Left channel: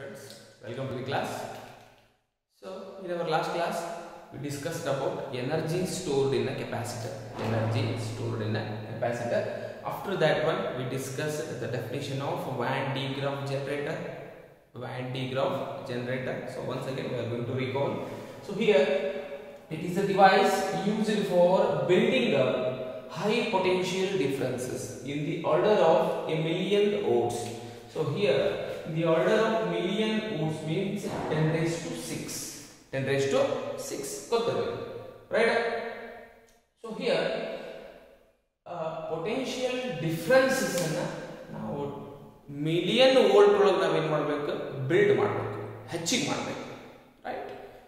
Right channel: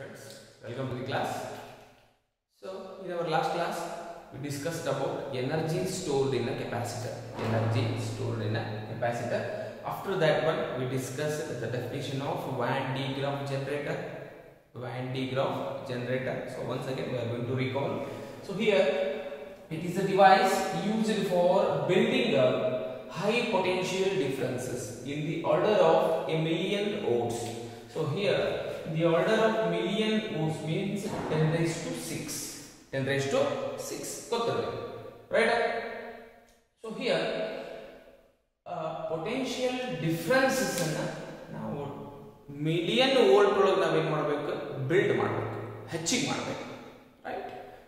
Friends, welcome to the class. So in our last class we discussed about energy stored in a capacitor. After that one we discussed the definition of Van-De Graff generator. So once again we are going to recall. So here it is a device used for building up high potential differences in the order of a million volts. So here the order of million volts means 10 raised to 6. 10 raised to 6. Right? So here potential differences now million volt build right?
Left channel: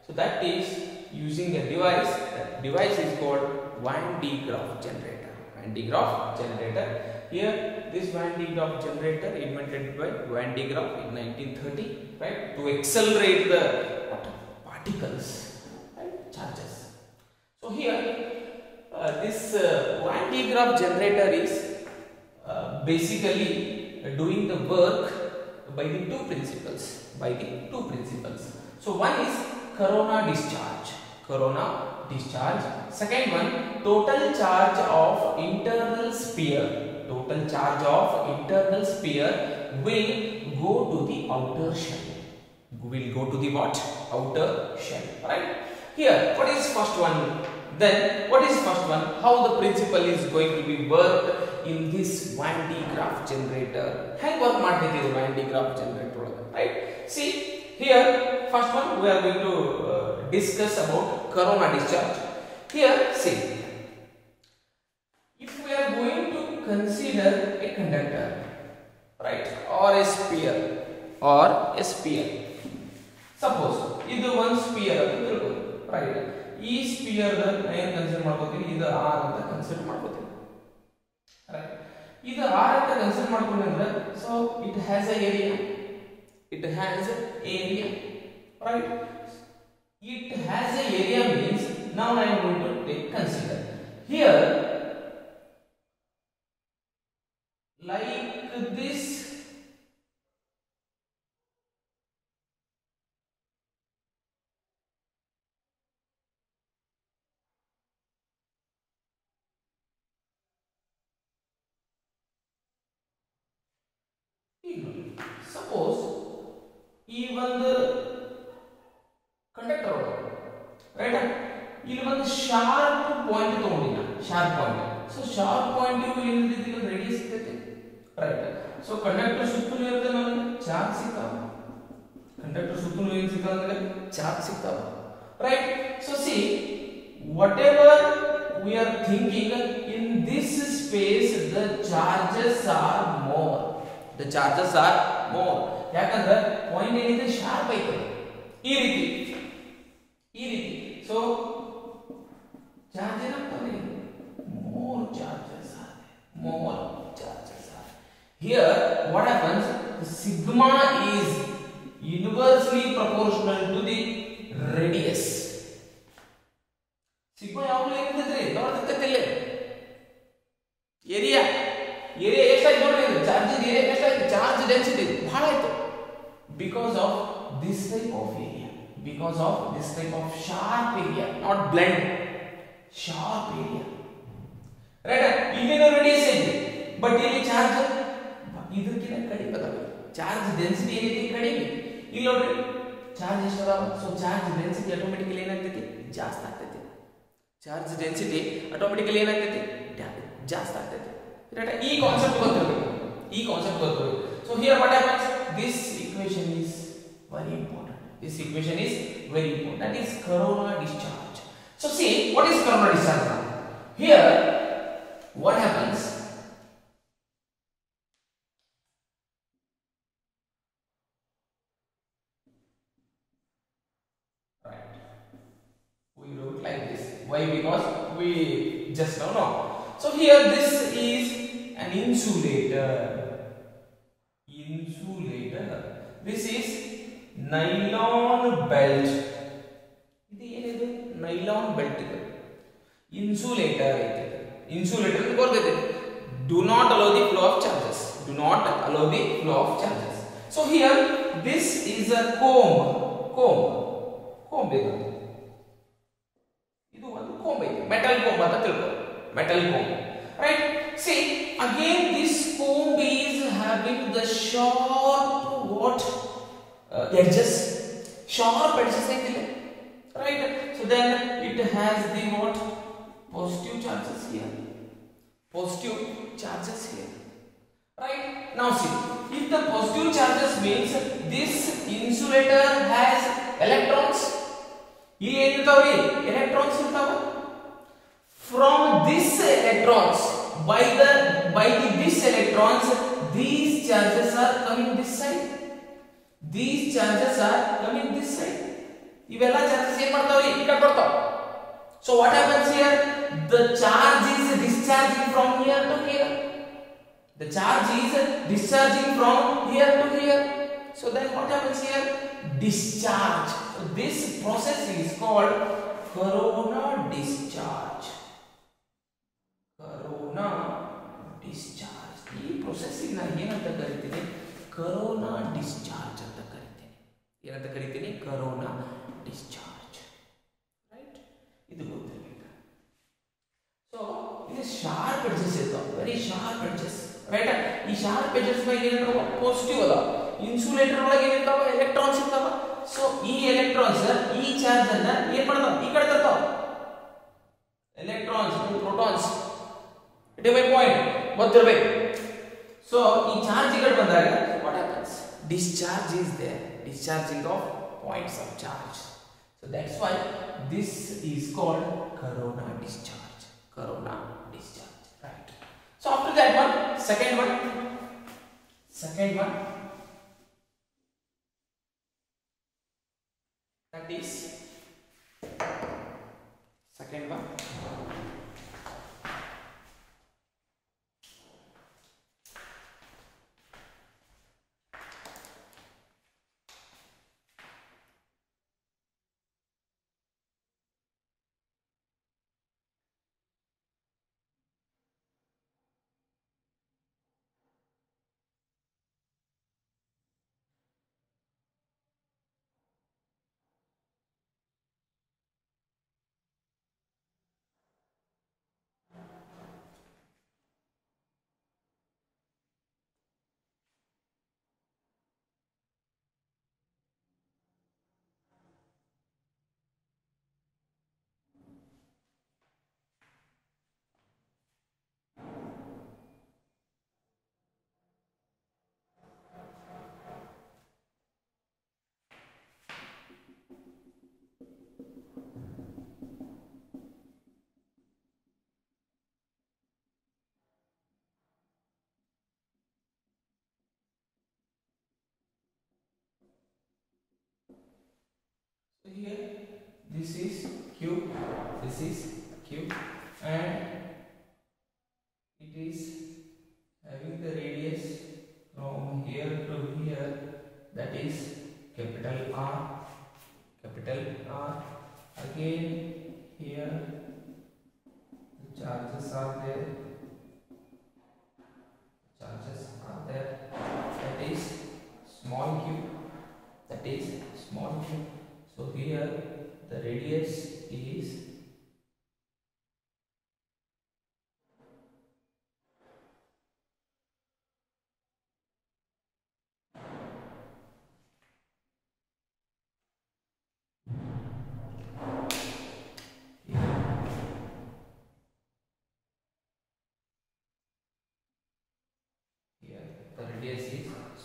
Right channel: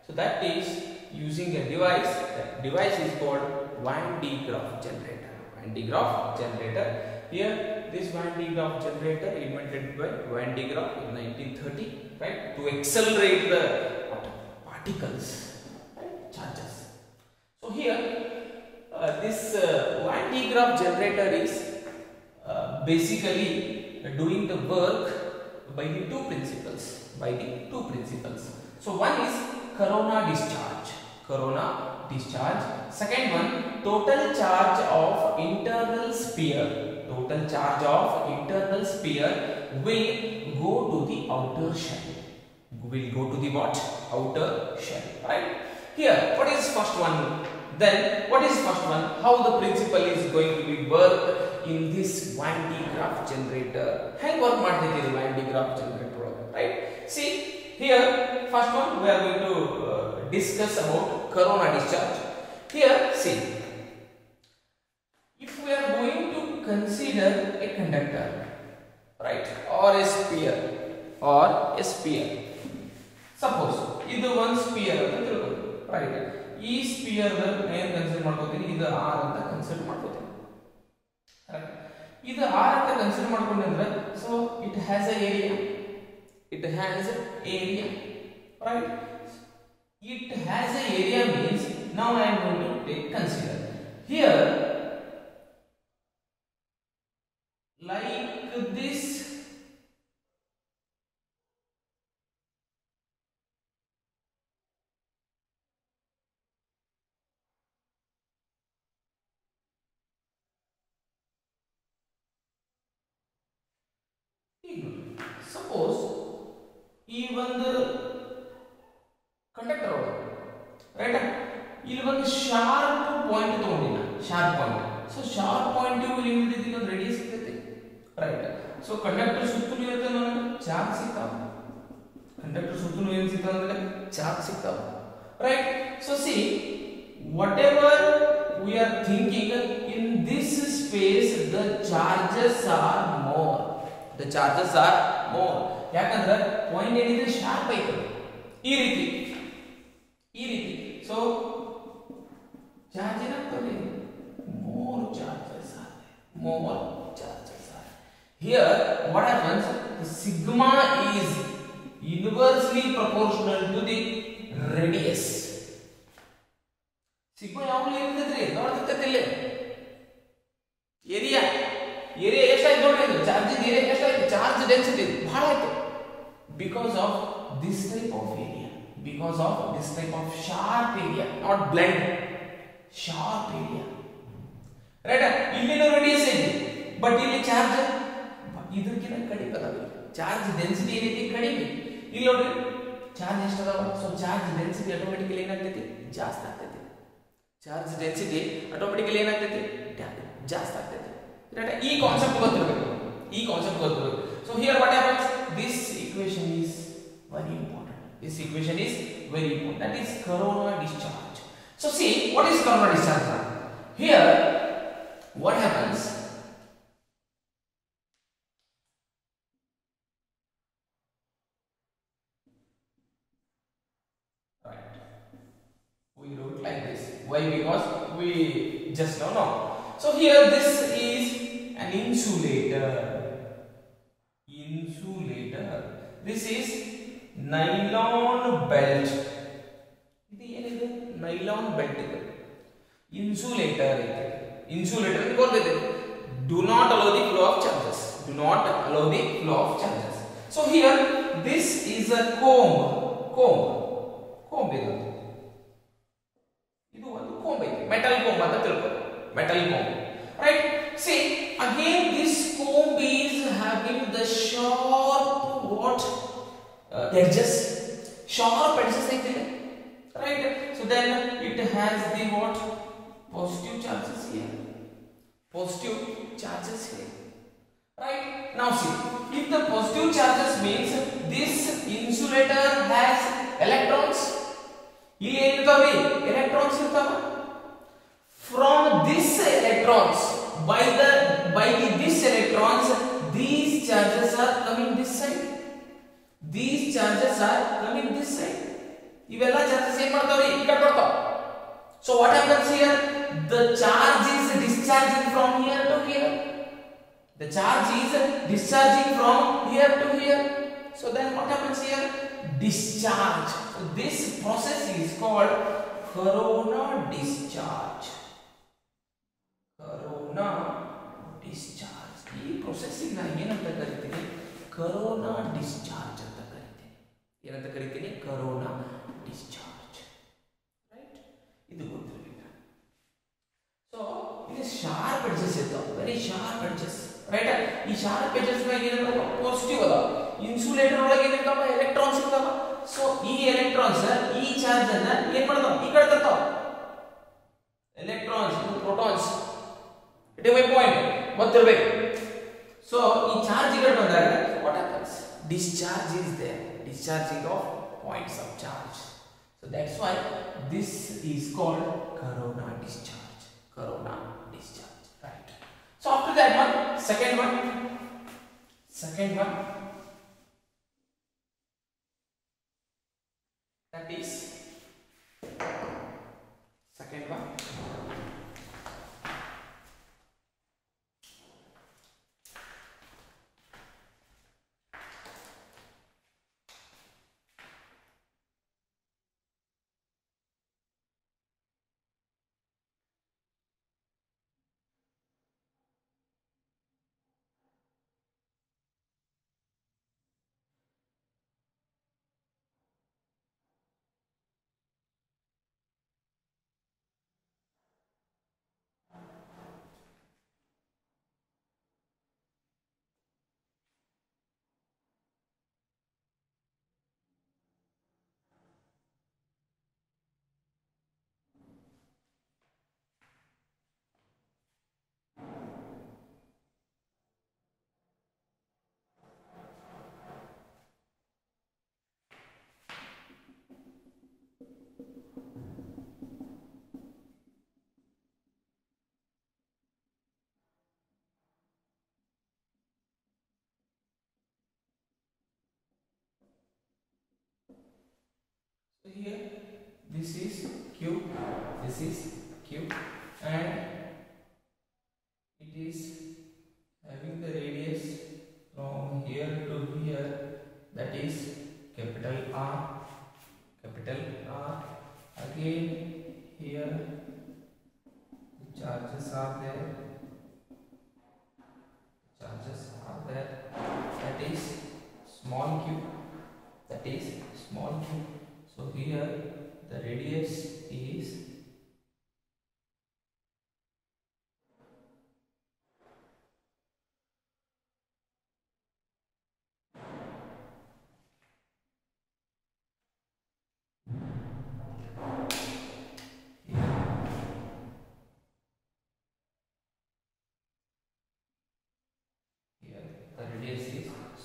So that is using a device. That device is called Van-De Graff generator. Here this Van-De Graff generator invented by Van-De Graff in 1930, right, to accelerate the particles, right, charges. So here this Van-De Graff generator is basically doing the work by the two principles. So one is corona discharge. Second one, total charge of internal sphere. Total charge of internal sphere will go to the outer shell. Will go to the what? Outer shell. Right? Here, what is first one? Then, what is first one? How the principle is going to be worked in this Van-De Graff generator? How work ಮಾಡ್ತೈತಿ the Van-De Graff generator? Right? See, here, first one we are going to discuss about corona discharge. Here, see, if we are going to consider a conductor, right, or a sphere, suppose this one sphere, right, this sphere I consider this R anta consider right, this R anta consider so it has a area, right. It has a area means now I am going to consider here like this. Suppose even the conductor, right? Here one sharp point sharp point. So sharp point you will radius right? So conductor ಸುತ್ತಲೂ ಇರುತ್ತೆ ನಮಗೆ ಚಾರ್ಜ್ ಸಿಗ್ತಾವೆ. Conductor ಸುತ್ತಲೂ ಏನು ಸಿಗ್ತಾವೆ ಅಂದ್ರೆ ಚಾರ್ಜ್ ಸಿಗ್ತಾವೆ. Right? So see, whatever we are thinking in this space, the charges are more. ಯಾಕಂದ್ರೆ ಪಾಯಿಂಟ್ ಏನಿದೆ ಶಾರ್ಪ್ ಐತೆ ಈ ರೀತಿ. So charge ಏನಾಗ್ತದೆ more charges are here. What happens? The sigma is inversely proportional to the radius. Sigma ಯಾವಾಗಲೂ ಏನಿದೆ ನೋಡ್ತಿರ್ತಿಲ್ಲ ಏರಿಯಾ ಎಷ್ಟಾಯ್ತು ನೋಡಿ, ಚಾರ್ಜ್ ಏರಿಯಾ ಎಷ್ಟಾಯ್ತು, ಚಾರ್ಜ್ ಡೆನ್ಸಿಟಿ ಬಹಳ ಆಯ್ತು because of this type of area, because of this type of sharp area, not blunt, sharp area, right? ಇಲ್ಲಿನ ರೇಡಿಯಸ್ ಐತಿ ಬಟ್ ಇಲ್ಲಿ ಚಾರ್ಜ್ ಇದಕ್ಕಿಂತ ಕಡಿಮೆ ಅದ. ಚಾರ್ಜ್ ಡೆನ್ಸಿಟಿ ಏನೈತಿ ಕಡಿಮೆ. ಇಲ್ಲಿ ನೋಡ್ರಿ ಚಾರ್ಜ್ ಎಷ್ಟು ಅದಾವ. ಸೊ ಚಾರ್ಜ್ ಡೆನ್ಸಿಟಿ ಆಟೋಮೆಟಿಕಲಿ ಏನಾಗ್ತೈತಿ ಜಾಸ್ತಿ ಆಗ್ತೈತಿ. ಚಾರ್ಜ್ ಡೆನ್ಸಿಟಿ ಆಟೋಮೆಟಿಕಲಿ ಏನಾಗ್ತೈತಿ ಜಾಸ್ತಿ ಆಗ್ತೈತಿ. ರೈಟ್? ಈ ಕಾನ್ಸೆಪ್ಟ್ ಗೊತ್ತಿರಬೇಕು. So here what happens? This equation is very important. That is corona discharge. So see, what is corona discharge now? Here what happens? Right, we wrote like this. Why? Because we just don't know. So here this is an insulator. This is nylon belt. ಇದು ಏನಿದೆ nylon belt ಇದೆ. Insulator ಗೊತ್ತಿದೆ. Do not allow the flow of charges. So here this is a comb ಇದು ಒಂದು comb ಇದೆ, metal comb ಅಂತ ತಿಳ್ಕೊ, metal comb, right? See, again this comb is having the sharp edges, sharp edges ಐತಿಲ್ಲ, right? So then it has the positive charges here, positive charges here, right? Now see, if the positive charges means this insulator has electrons, ಇಲ್ಲಿ ಏನಿರ್ತಾವ್ರಿ electrons ಇರ್ತಾವ. From this electrons, this electrons, these charges are coming this side, these charges are coming this side, ಇವೆಲ್ಲ charges ಏನು ಮಾಡ್ತಾವ್ರಿ ಈ ಕಡೆ ಬರ್ತಾವ. So what happens here, the charge is discharging from here to here, the charge is discharging from here to here. So then what happens here, discharge. So this process is called corona discharge, corona discharge. ಈ ಪ್ರೊಸೆಸ್ಸಿಂಗ್ ನಾನು ಏನಂತ ಕರಿತೀನಿ, corona discharge ಅಂತ ಕರಿತೀನಿ. ಏನಂತ ಕರಿತೀನಿ, corona discharge, right? ಇದು ಗೊತ್ತಿರಬೇಕು. So ಇದು ಶಾರ್ಪ್ ಎಡ್ಜಸ್ ಇರ್ತಾವ, ವೆರಿ ಶಾರ್ಪ್ ಎಡ್ಜಸ್, ರೈಟ್? ಈ ಶಾರ್ಪ್ ಎಡ್ಜಸ್ ನ ಏನಿರ್ತಾವ, ಪಾಸಿಟಿವ್ ಅದಾವ. ಇನ್ಸುಲೇಟರ್ ಒಳಗೆ ಏನಿರ್ತಾವ, ಎಲೆಕ್ಟ್ರಾನ್ಸ್ ಇರ್ತಾವ. ಸೊ ಈ ಎಲೆಕ್ಟ್ರಾನ್ಸ್ ಈ ಚಾರ್ಜ್ ಅನ್ನ ಏನ್ ಮಾಡ್ತಾವ, ಈ ಕಡೆ ತರ್ತಾವ. Electrons protons, it is my point, ಗೊತ್ತಿರಬೇಕು. ಸೊ ಈ ಚಾರ್ಜ್ ಈ ಕಡೆ ಬಂದಾಗ what happens, discharge is there, discharging of points of charge. So that's why this is called corona discharge, corona discharge, right? So after that one, second one, that is second one, so here this is Q, this is Q, and it is having the radius from here to here, that is capital R. Again here the charges are there, that is small q, so here the radius is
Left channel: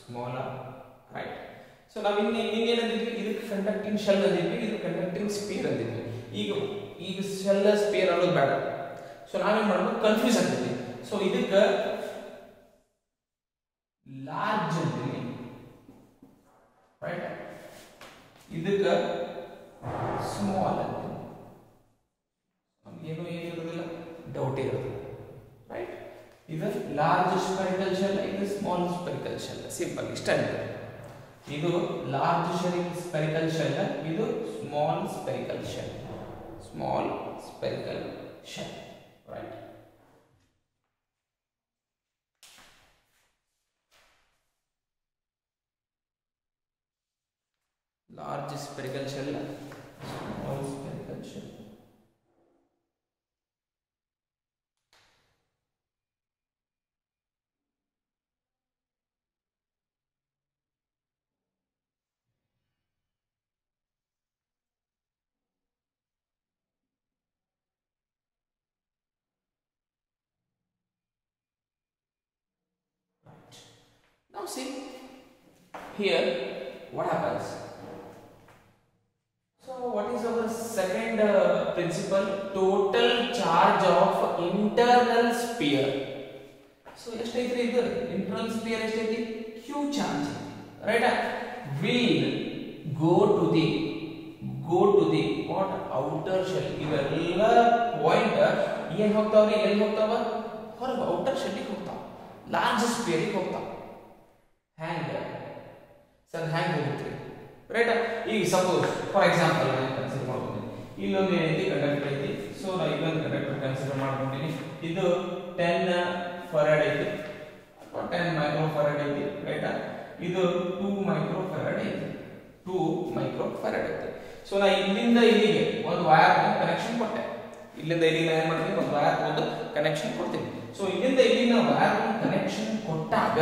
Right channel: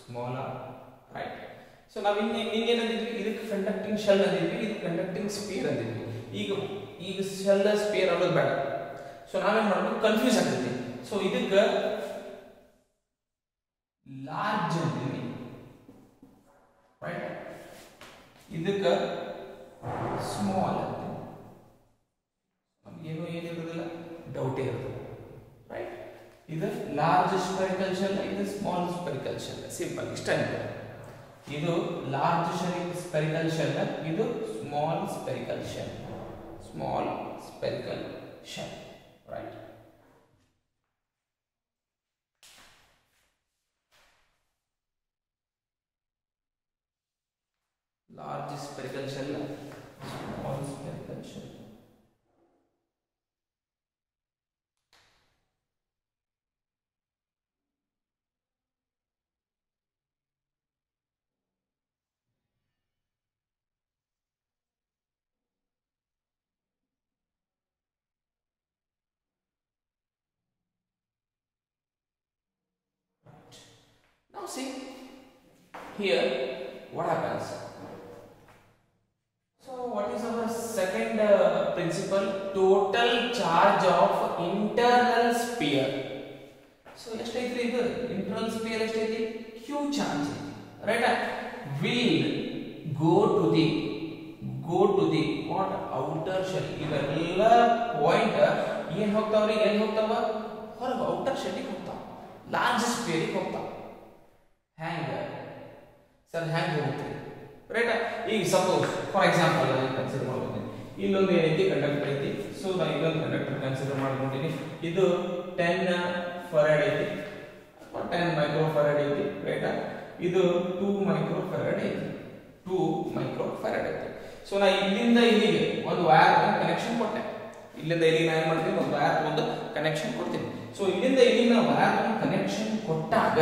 smaller, right? So now ಇದಕ್ಕೆ conducting shell ಅಂದಿದ್ವಿ, ಇದು conducting spear ಅಂದಿದ್ವಿ. ಈಗ shell spear ಅನ್ನೋದು ಬೇಡ. ಸೊ ನಾವೇನ್ ಮಾಡ್ಬೇಕು, ಕನ್ಫ್ಯೂಸ್ ಆಗ್ತೈತಿ. ಸೊ ಇದಕ್ಕೆ ಲಾರ್ಜ್ ಅಂತೀವಿ, ರೈಟ್? ಇದಕ್ಕೆ ಸ್ಮಾಲ್ ಅಂತೀವಿ. ಏನು ಇರೋದಿಲ್ಲ, ಡೌಟೇ ಇರೋದು, ರೈಟ್? ಇದು ಲಾರ್ಜ್ ಸ್ಪೆರಿಕಲ್ ಶೆಲ್, ಇದು ಸ್ಮಾಲ್ ಸ್ಪೆರಿಕಲ್ ಶೆಲ್. ಸಿಂಪಲ್ ಇಷ್ಟ. ಇದು ಲಾರ್ಜ್ ಸ್ಪೆರಿಕಲ್ ಶೆಲ್, ಇದು small spherical shell, right? large spherical shell, small spherical shell. Now see here what happens. So what is our second principle? Total charge of internal sphere. So ಎಷ್ಟೈತ್ರಿ ಇದು internal sphere ಎಷ್ಟೈತಿ? Q charge, right? Will go to the what outer shell. ಇವೆಲ್ಲ ಪಾಯಿಂಟ್ ಏನು ಹೋಗ್ತಾವ್ರಿ? ಎಲ್ಲಿ ಹೋಗ್ತಾವ? ಹೊರಗೆ outer shell ಹೋಗ್ತಾವ, ಲಾರ್ಜ್ ಸ್ಫಿಯರ್ ಹೋಗ್ತಾವ. ಹ್ಯಾಂಗ್ ಸರ್ ಹ್ಯಾಂಗ್ ಹೋಗುತ್ತೆ, ರೈಟ್? ಈಗ ಸಪೋಸ್ ಫಾರ್ ಎಕ್ಸಾಂಪಲ್ ನಾನು ಕನ್ಸಿಡರ್ ಮಾಡ್ತೀನಿ, ಇಲ್ಲೊಂದು ಏನೈತಿ ಕಂಡಕ್ಟರ್ ಐತಿ. ಸೊ ನಾನು ಇಲ್ಲೊಂದು ಕಂಡಕ್ಟರ್ ಕನ್ಸಿಡರ್ ಮಾಡ್ಕೊಂತೀನಿ. ಇದು 10 ಫರಾಡ್ ಐತಿ ಅಥವಾ 10 ಮೈಕ್ರೋ ಫರಾಡ್ ಐತಿ, ರೈಟ್? ಇದು 2 ಮೈಕ್ರೋ ಫರಾಡ್ ಐತಿ, 2 ಮೈಕ್ರೋ ಫರಾಡ್ ಐತಿ. ಸೊ ನಾ ಇಲ್ಲಿಂದ ಇಲ್ಲಿಗೆ ಒಂದು ವೈರ್ ಕನೆಕ್ಷನ್ ಕೊಟ್ಟೆ. ಇಲ್ಲಿಂದ ಇಲ್ಲಿಗೆ ನಾನು ಏನು ಮಾಡ್ತೀನಿ, ಒಂದು ವೈರ್ ಒಂದು ಕನೆಕ್ಷನ್ ಕೊಡ್ತೀನಿ. ಸೊ ಇಲ್ಲಿಂದ ಇಲ್ಲಿಗೆ ನಾವು ವೈರ್ ಕನೆಕ್ಷನ್ ಕೊಟ್ಟಾಗ,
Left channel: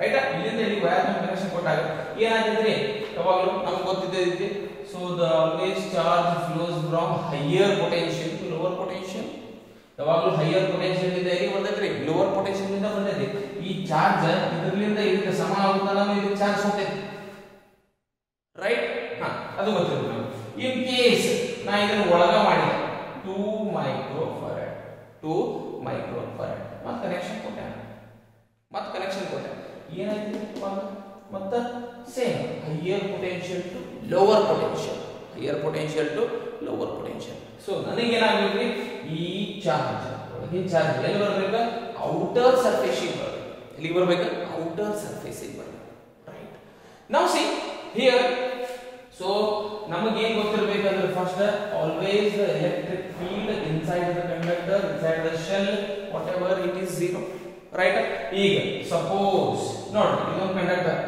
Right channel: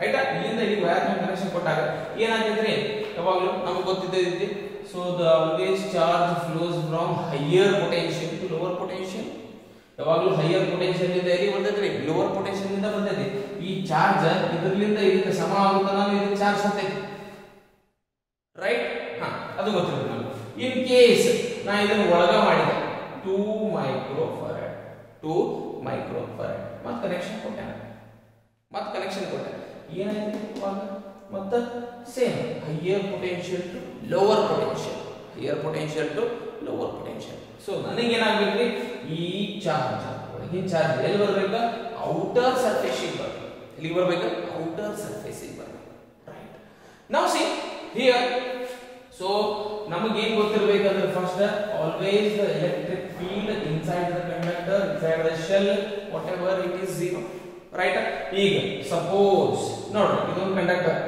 ರೈಟ್? ಇಲ್ಲಿಂದ ಇಲ್ಲಿ ವೈರ್ ಕನೆಕ್ಷನ್ ಕೊಟ್ಟಾಗ ಏನಾಗೈತ್ರಿ? ಯಾವಾಗಲೂ ನಮ್ಗೆ ಗೊತ್ತಿದ್ದೈತಿ. So the always charge flows from higher potential to lower potential. ಯಾವಾಗಲೂ ಹೈಯರ್ ಪೊಟೆನ್ಷಿಯಲ್ ಇಂದ ಎಲ್ಲಿ ಬರ್ತೈತ್ರಿ? ಲೋವರ್ ಪೊಟೆನ್ಷಿಯಲ್ ಇಂದ ಬರ್ತೈತಿ. ಈ ಚಾರ್ಜ್ ಇದರಿಂದ ಇದಕ್ಕೆ ಸಮ ಆಗುತ್ತಾನ ಇದು ಚಾರ್ಜ್ ಹೋಗ್ತೈತಿ, ರೈಟ್? ಅದು ಗೊತ್ತಿರುತ್ತೆ ನಮ್ಗೆ. ಇನ್ ಕೇಸ್ ನಾ ಇದನ್ನು ಒಳಗ ಮಾಡಿದೆ 2 ಮೈಕ್ರೋ ಫರಾಡ್ ಮತ್ತೆ ಕನೆಕ್ಷನ್ ಕೊಟ್ಟೆ, ಏನಾಯ್ತು ಇವಾಗ? ಮತ್ತೆ same higher potential to lower potential. So ನನಗೆ ಏನಾಗಬೇಕು? ಈ ಚಾರ್ಜ್ ಎಲ್ಲಿ ಬರಬೇಕು? ಔಟರ್ ಸರ್ಫೇಸ್ ಬರಬೇಕು. ಎಲ್ಲಿ ಬರಬೇಕು? ಔಟರ್ ಸರ್ಫೇಸ್ ಬರಬೇಕು, ರೈಟ್? ನಾವು ಸಿ ಹಿಯರ್. ಸೊ ನಮಗೆ ಏನು ಗೊತ್ತಿರಬೇಕಂದ್ರೆ first always the electric field inside the conductor, inside the shell, whatever it is 0, right? ಈಗ ಸಪೋಸ್ ನೋಡ್ರಿ ಇದೊಂದು ಕಂಡಕ್ಟರ್,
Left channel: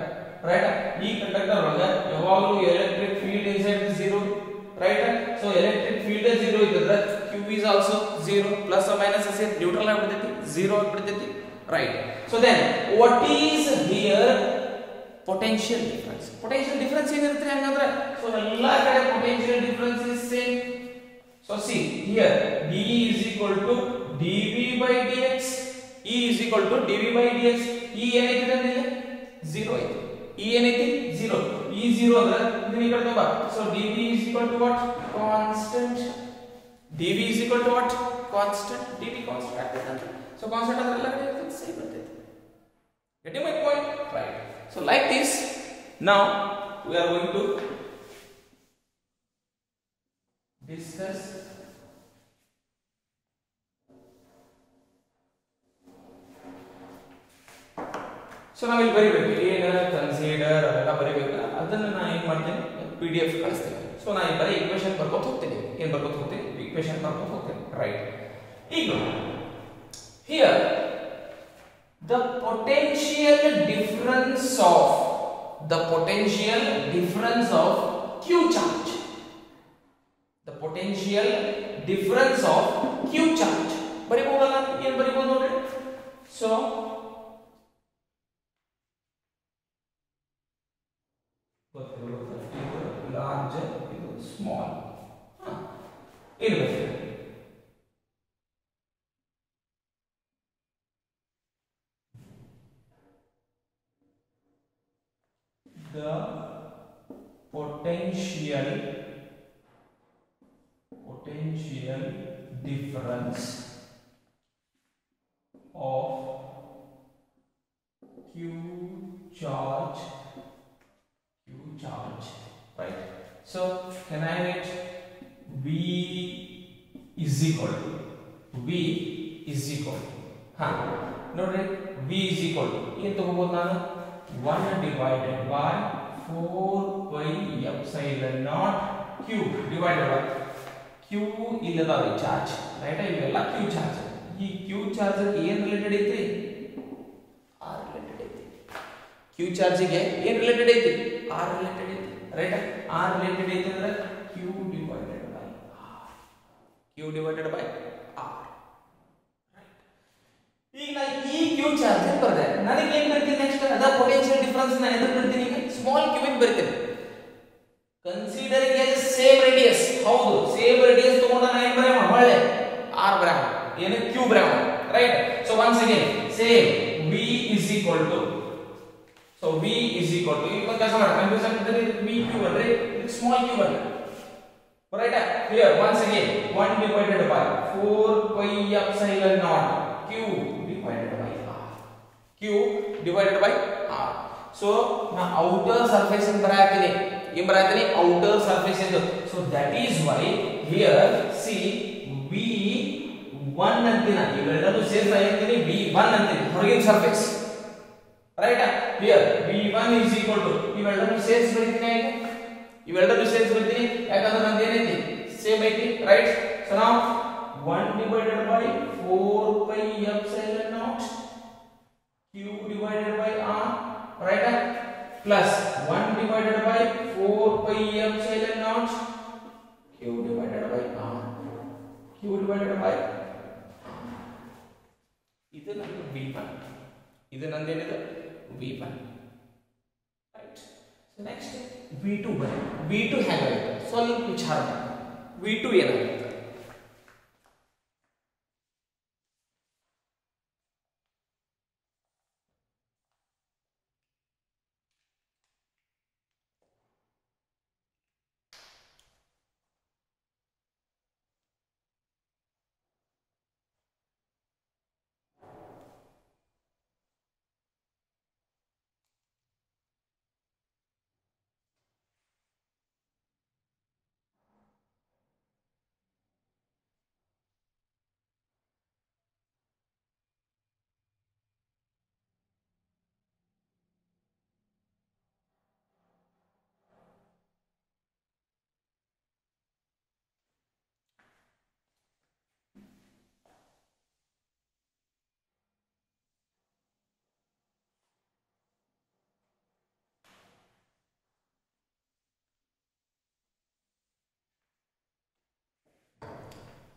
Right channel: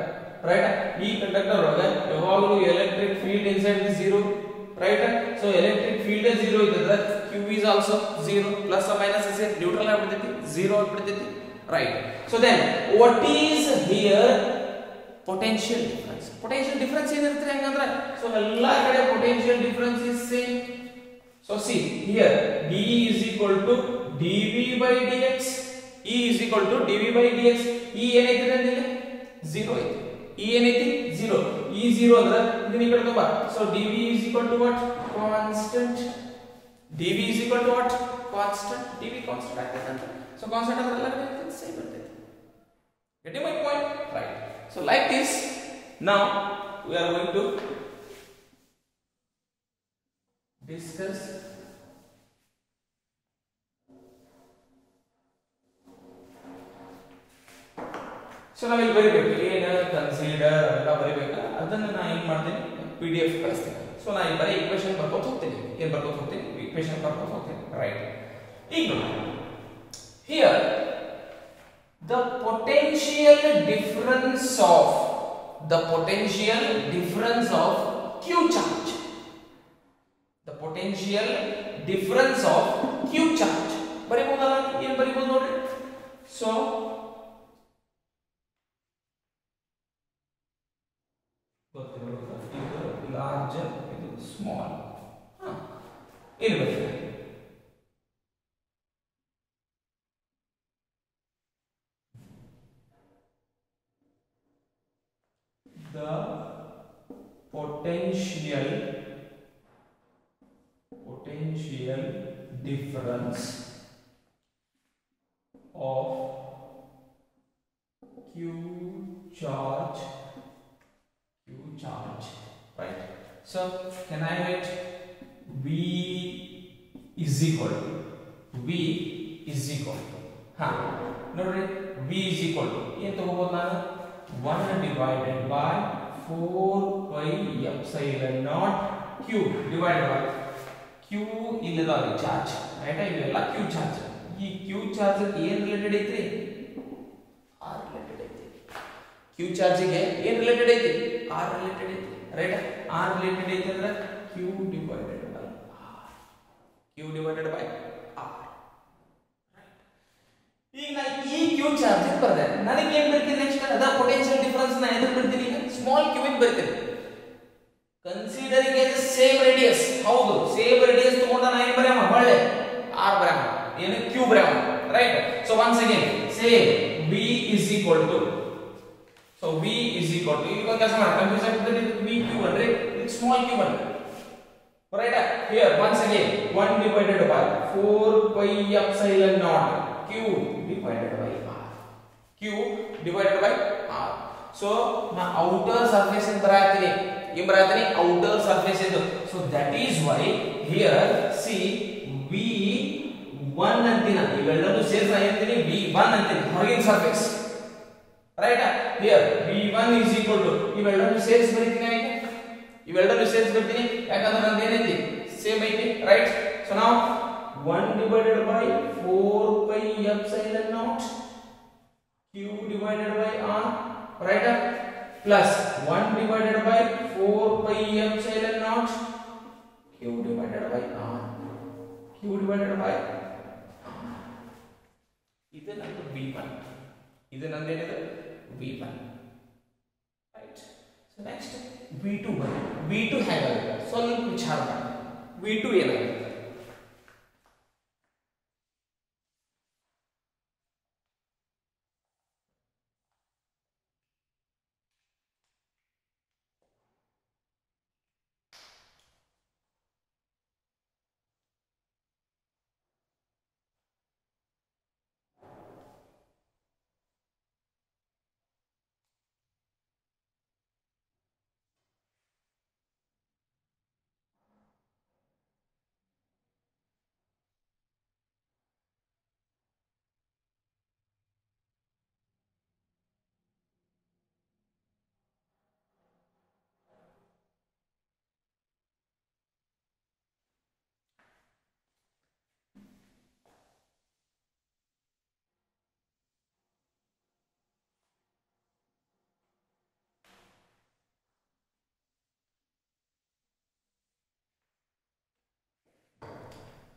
ರೈಟ್? ಈ ಕಂಡಕ್ಟರ್ ಒಳಗೆ ಯಾವಾಗಲೂ electric field inside is 0, right? So electric field 0 ಇದ್ದರೆ Q is also 0, plus minus ಸೇರಿ neutral ಆಗಿಬಿಡ್ತೈತಿ, 0 ಆಗಿಬಿಡ್ತೈತಿ, right? So then what is here? Potential difference ಏನಿರುತ್ತೆ ಹಂಗಂದ್ರೆ? ಸೊ ಎಲ್ಲಾ ಕಡೆ potential difference is same. So see here dE is equal to dV by dx, E is equal to dV by dx. E ಏನೈತಿ ಅಂದ್ರೆ 0 ಐತಿ, E ಏನೈತಿ 0, E 0 ಅಂದ್ರೆ ಇದನ್ನ ಈ ಕಡೆ ತುಂಬಾ. So dV is equal to what? Constant. dV is equal to what? Constant. dV constant ಆಗ್ತೈತೆ. ಸೊ ಕಾನ್ಸ್ಟೆಂಟ್ ಅಂದ್ರೆ ಎಲ್ಲ ಕಡೆ ಸೇಮ್ ಬರ್ತೈತೆ. Getting my point? Right. So like this, now we are going to discuss so ನಾವಿಲ್ಲಿ ಬರಿಬೇಕು, ಏನು ಕನ್ಸಿಡರ್ ಅವೆಲ್ಲ ಬರಿಬೇಕು. ಅದನ್ನ ನಾನು ಏನು ಮಾಡ್ತೀನಿ, PDF ಕಳಿಸ್ತೀನಿ. ಸೊ ನಾನು ಬರೀ ಇಕ್ವೇಷನ್ ಬರ್ಕೋತ ಹೋಗ್ತೀನಿ. ಏನು ಬರ್ಕೋತ ಹೋಗ್ತೀನಿ? ಇಕ್ವೇಷನ್ ಬರ್ಕೋತ ಹೋಗ್ತೀನಿ, ರೈಟ್? ಈಗ here the potential difference of Q charge, the potential difference of Q charge ಬರಿಬಹುದಲ್ಲ? ಏನು ಬರಿಬಹುದು ನೋಡ್ರಿ. ಸೊ ಇದು ಲಾರ್ಜ್, ಇದು ಸ್ಮಾಲ್, ಇರಬೇಕು. The potential difference of Q charge, right? So can I write V is equal to ನೋಡ್ರಿ, V is equal to ಏನು ತಗೋಬಹುದು ನಾನು? 1 divided by 4 pi epsilon naught Q divided by Q ಇಲ್ಲದಾವೆ ಚಾರ್ಜ್, ರೈಟ್? ಇವೆಲ್ಲ Q ಚಾರ್ಜ್. ಈ Q charge ಏನು related ಐತ್ರಿ? R related ಐತಿ. Q ಚಾರ್ಜ್ ಗೆ ಏನು ರಿಲೇಟೆಡ್ ಐತಿ? R ರಿಲೇಟೆಡ್ ಐತಿ, right? R related ಐತಂದ್ರೆ Q divided by R. Q divided by R. ಈಗ ನಾ ಈ Q ಚಾರ್ಜ್ ಬರೆದೆ, ನನಗೆ ಏನು ಬರ್ತೀನಿ ನೆಕ್ಸ್ಟ್? ಅದ ಪೊಟೆನ್ಷಿಯಲ್ ಡಿಫರೆನ್ಸ್ ನಾ ಎದಕ್ಕೆ ಬರ್ತೀನಿ? ಈಗ ಸ್ಮಾಲ್ q ಗೆ ಬರ್ತೀನಿ. ಕನ್ಸಿಡರಿಂಗ್ ಎಸ್ ಸೇಮ್ ರೇಡಿಯಸ್, ಹೌದು ಸೇಮ್ ರೇಡಿಯಸ್ ತಗೊಂಡ ನಾ ಏನು ಬರೆಯೋಣ? ಹೊಳ್ಳೆ R ಬರೆಯೋಣ, ಏನು Q ಬರೆಯೋಣ, right? So once again same V is equal to, so V is equal to, ಈಗ ಕೆಲಸ ಮಾಡಿ ಕನ್ಫ್ಯೂಷನ್ ಆಗ್ತದೆ, V Q ಅಂದ್ರೆ ಸ್ಮಾಲ್ q ಅಂದ್ರೆ, right? Here once again 1 divided by 4 pi epsilon naught Q divided by R. Q divided by R. So now outer surface in barayathini, em barayathini outer surface idu. So that is why here see V1 antina, ivelladdu ಸೇರ್ಸ ಅಂತೀನಿ V1 ಅಂತೀನಿ, ಹೊರಗಿನ surface, right? here V1 is equal to, ಇವೆಲ್ಲದೂ ಸೇರ್ಸ್ ಬರೀತೀನಿ, ಈಗ ಇವೆಲ್ಲದೂ ಸೇರ್ಸ್ ಬರ್ತೀನಿ, ಯಾಕಂದ್ರೆ ನಂದು ಏನೈತಿ ಸೇಮ್ ಐತಿ, ರೈಟ್? ಸೊ ನಾವು 1 divided by 4 pi epsilon naught Q divided by R, right? Plus 1 divided by 4 pi epsilon naught Q divided by R, Q divided by R. ಇದು ನಂದು V1, ಇದು ನಂದೇನಿದೆ V1, right? So next V2 ಬನ್ನಿ. V2 ಹೇಗಾಗುತ್ತೆ ಸ್ವಲ್ಪ ವಿಚಾರ ಮಾಡಿ. V2 ಏನಾಗುತ್ತೆ?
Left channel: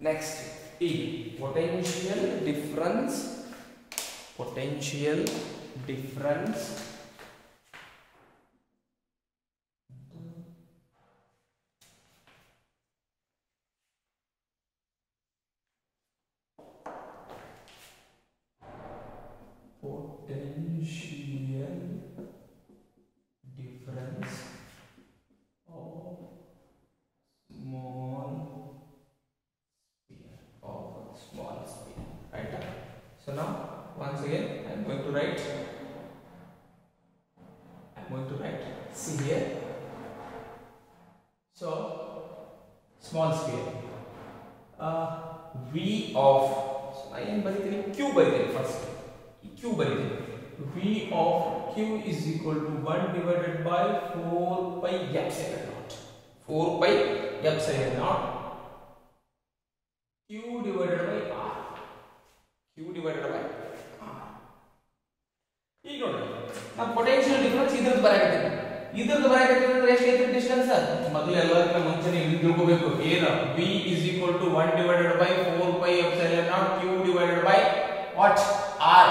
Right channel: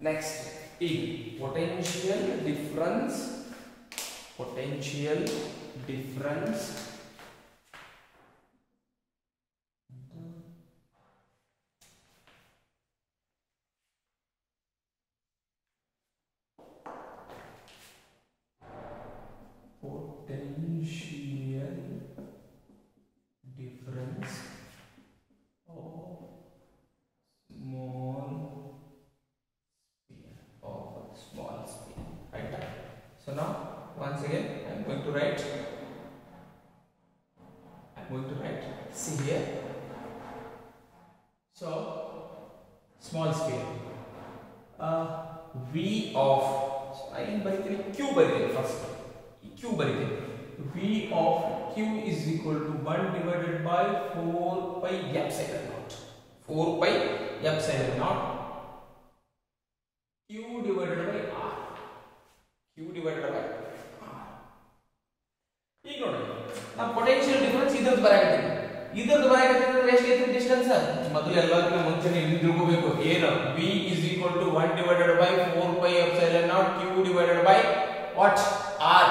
Next is potential difference So now once again I am going to write, see here, so small sphere, V of, so I am bariತೀನಿ Q bariತೀನಿ first, Q bariತೀನಿ, V of Q is equal to 1 divided by 4 pi epsilon naught, 4 pi epsilon naught Q divided by R, Q divided by R. ಈಗ ನೋಡಿ ನಾವು potential difference ಇದ್ರದ್ದು ಬರಾಕತ್ತೀವಿ, ಇದ್ರದ್ದು ಬರಾಕತ್ತೀವಿ ಅಂದ್ರೆ ಎಷ್ಟು ಐತಿ ಡಿಸ್ಟೆನ್ಸ್? ಮೊದಲು ಎಲ್ಲದಕ್ಕಿಂತ ಮುಂಚೆ ನೀವು ತಿಳ್ಕೋಬೇಕು ಏನು, V is equal to 1 divided by 4 pi epsilon naught Q divided by what? R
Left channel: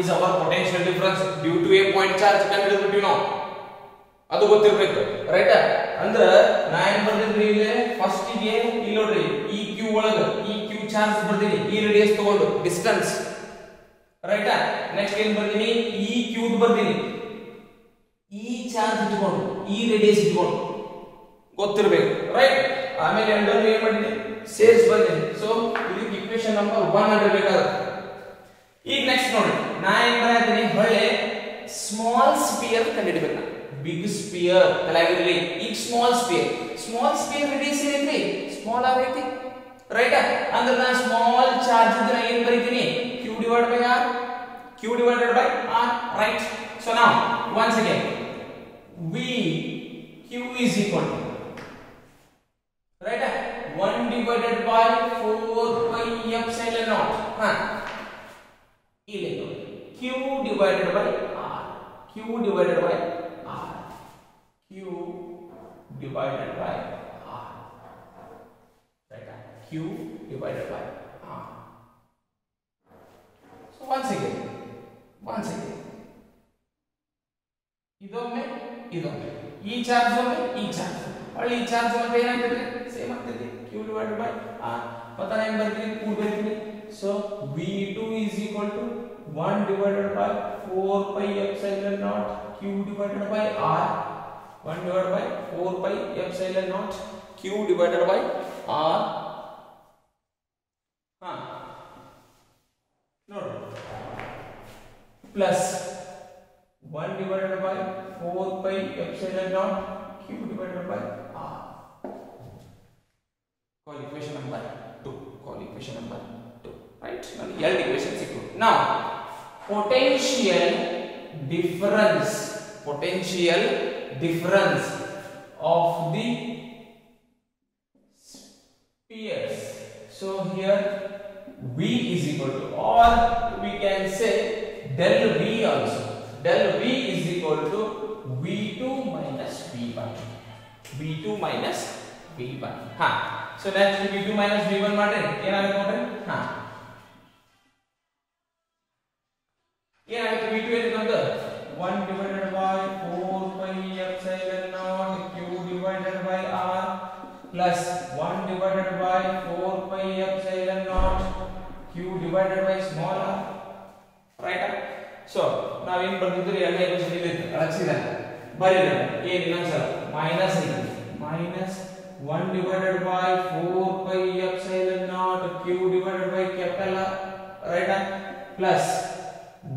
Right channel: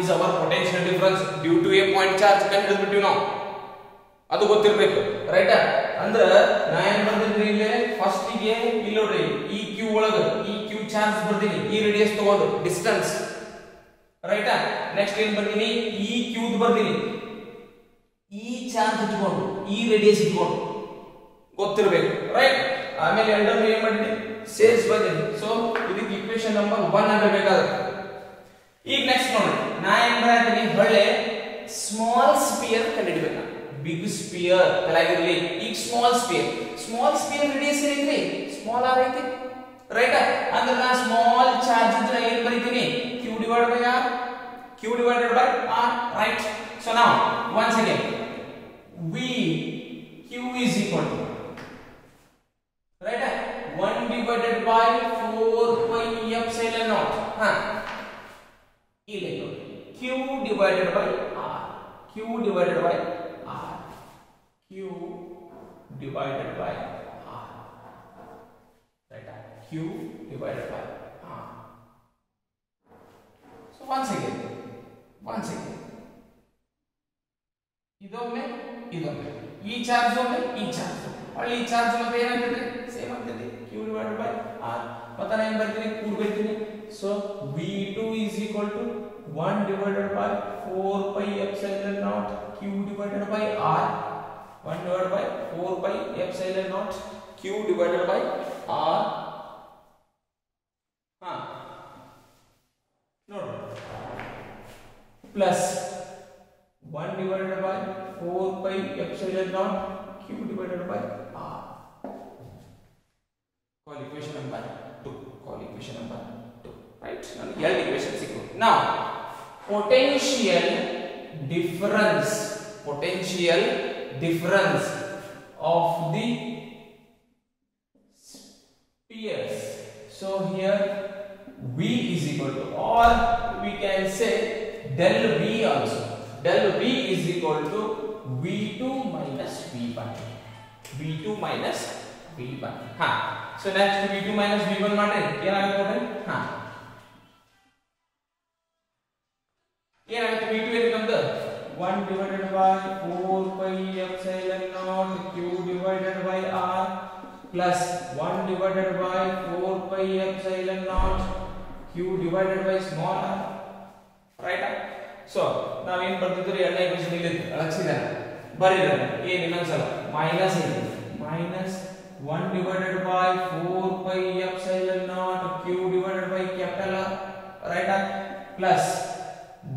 is our potential difference due to a point charge ಕಂಡುಹಿಡಿದ್ಬಿಟ್ಟಿವಿ ನಾವು, ಅದು ಗೊತ್ತಿರಬೇಕು, ರೈಟ್? ಅಂದ್ರೆ ನಾ ಏನು ಬರ್ದಿದ್ರಿ ಇಲ್ಲಿ ಫಸ್ಟ್ ಗೆ, ಇಲ್ಲಿ ನೋಡ್ರಿ ಈ Q ಒಳಗೆ ಈ Q ಚಾರ್ಜ್ ಬರ್ದೀನಿ, ಈ ರೇಡಿಯಸ್ ತಗೊಂಡು ಡಿಸ್ಟೆನ್ಸ್, ರೈಟ್? ನೆಕ್ಸ್ಟ್ ಏನು ಬರ್ದೀನಿ, ಈ Q ಬರ್ದೀನಿ, ಈ ಚಾರ್ಜ್ ಇಟ್ಕೊಂಡು ಈ ರೇಡಿಯಸ್ ಇಟ್ಕೊಂಡು ಗೊತ್ತಿರಬೇಕು, ರೈಟ್? ಆಮೇಲೆ ಎರಡನ್ನು ಏನು ಮಾಡಿದೀನಿ ಸೇರ್ಸ್ ಬಂದಿನಿ, ಸೊ ಇದಕ್ಕೆ ಈಕ್ವೇಶನ್ ನಂಬರ್ 1 ಆಗಿರಬೇಕಾಗುತ್ತೆ. ಈಗ ನೆಕ್ಸ್ಟ್ ನೋಡಿ ನಾ ಏನು ಬರೆಯತ್ತೀನಿ, ಹೊಳ್ಳೆ ಸ್ಮಾಲ್ ಸ್ಪಿಯರ್ ಕಂಡುಹಿಡಿಬೇಕು, ಬಿಗ್ ಸ್ಪಿಯರ್ ತಲೆಗಿರಲಿ, ಈಗ ಸ್ಮಾಲ್ ಸ್ಪಿಯರ್ ರೇಡಿಯಸ್ ಏನೈತ್ರಿ? ಸ್ಮಾಲ್ ಆರ್ ಐತಿ, ರೈಟ್? ಅಂದ್ರೆ ನಾ ಸ್ಮಾಲ್ ಚಾರ್ಜ್ ಇದ್ರೆ ಏನು ಬರೀತೀನಿ? Q divided by R, Q divided by R, right? So now once again V Q is equal to, right, 1 divided by 4 pi epsilon naught, ಇಲ್ಲಿ ನೋಡಿ Q divided by R, Q divided by R, Q divided by R. Right? Q divided by R. So once again ಇದೊಮ್ಮೆ ಈ ಚಾರ್ಜ್ ಒಮ್ಮೆ ಈ ಚಾರ್ಜ್ ಅಲ್ಲಿ ಈ ಚಾರ್ಜ್ ಮತ್ತೆ ಏನಾಗ್ತದೆ ಸೇಮ್ ಆಗ್ತದೆ q divided by r ಮತ್ತೆ ನಾನು ಏನು ಬರ್ತೀನಿ ಕೂಡ್ ಬರ್ತೀನಿ so v2 is equal to 1 divided by 4 pi epsilon naught q divided by r 1 divided by 4 pi epsilon naught q divided by r ನೋಡ್ರಿ plus 1 divided by 4 pi epsilon naught q divided by r. Call equation number 2. Right? Now, equation equal. Now, potential difference of the spheres. So here V is equal to, or we can say del V also. Del V is equal to V2 minus V1. V2 minus V1. So next V2 minus V1 माटे क्या आएगा बोले? क्या आएगा V2 ये नंबर 1 divided by 4 pi epsilon naught q divided by r plus 1 divided by 4 pi epsilon naught q divided by small r. Right? So now ಏನು ಬರ್ತಿದ್ರೆ ಎರಡನೇ ಈಕ್ವೇಷನ್ ಇಲ್ಲಿ ಅಳಸಿದಾನೆ ಬರೀದಾನೆ ಏನು ಇನ್ನೊಂದ್ಸಲ ಮೈನಸ್ ಇದೆ minus 1 divided by 4 pi epsilon naught q divided by capital R, right? Plus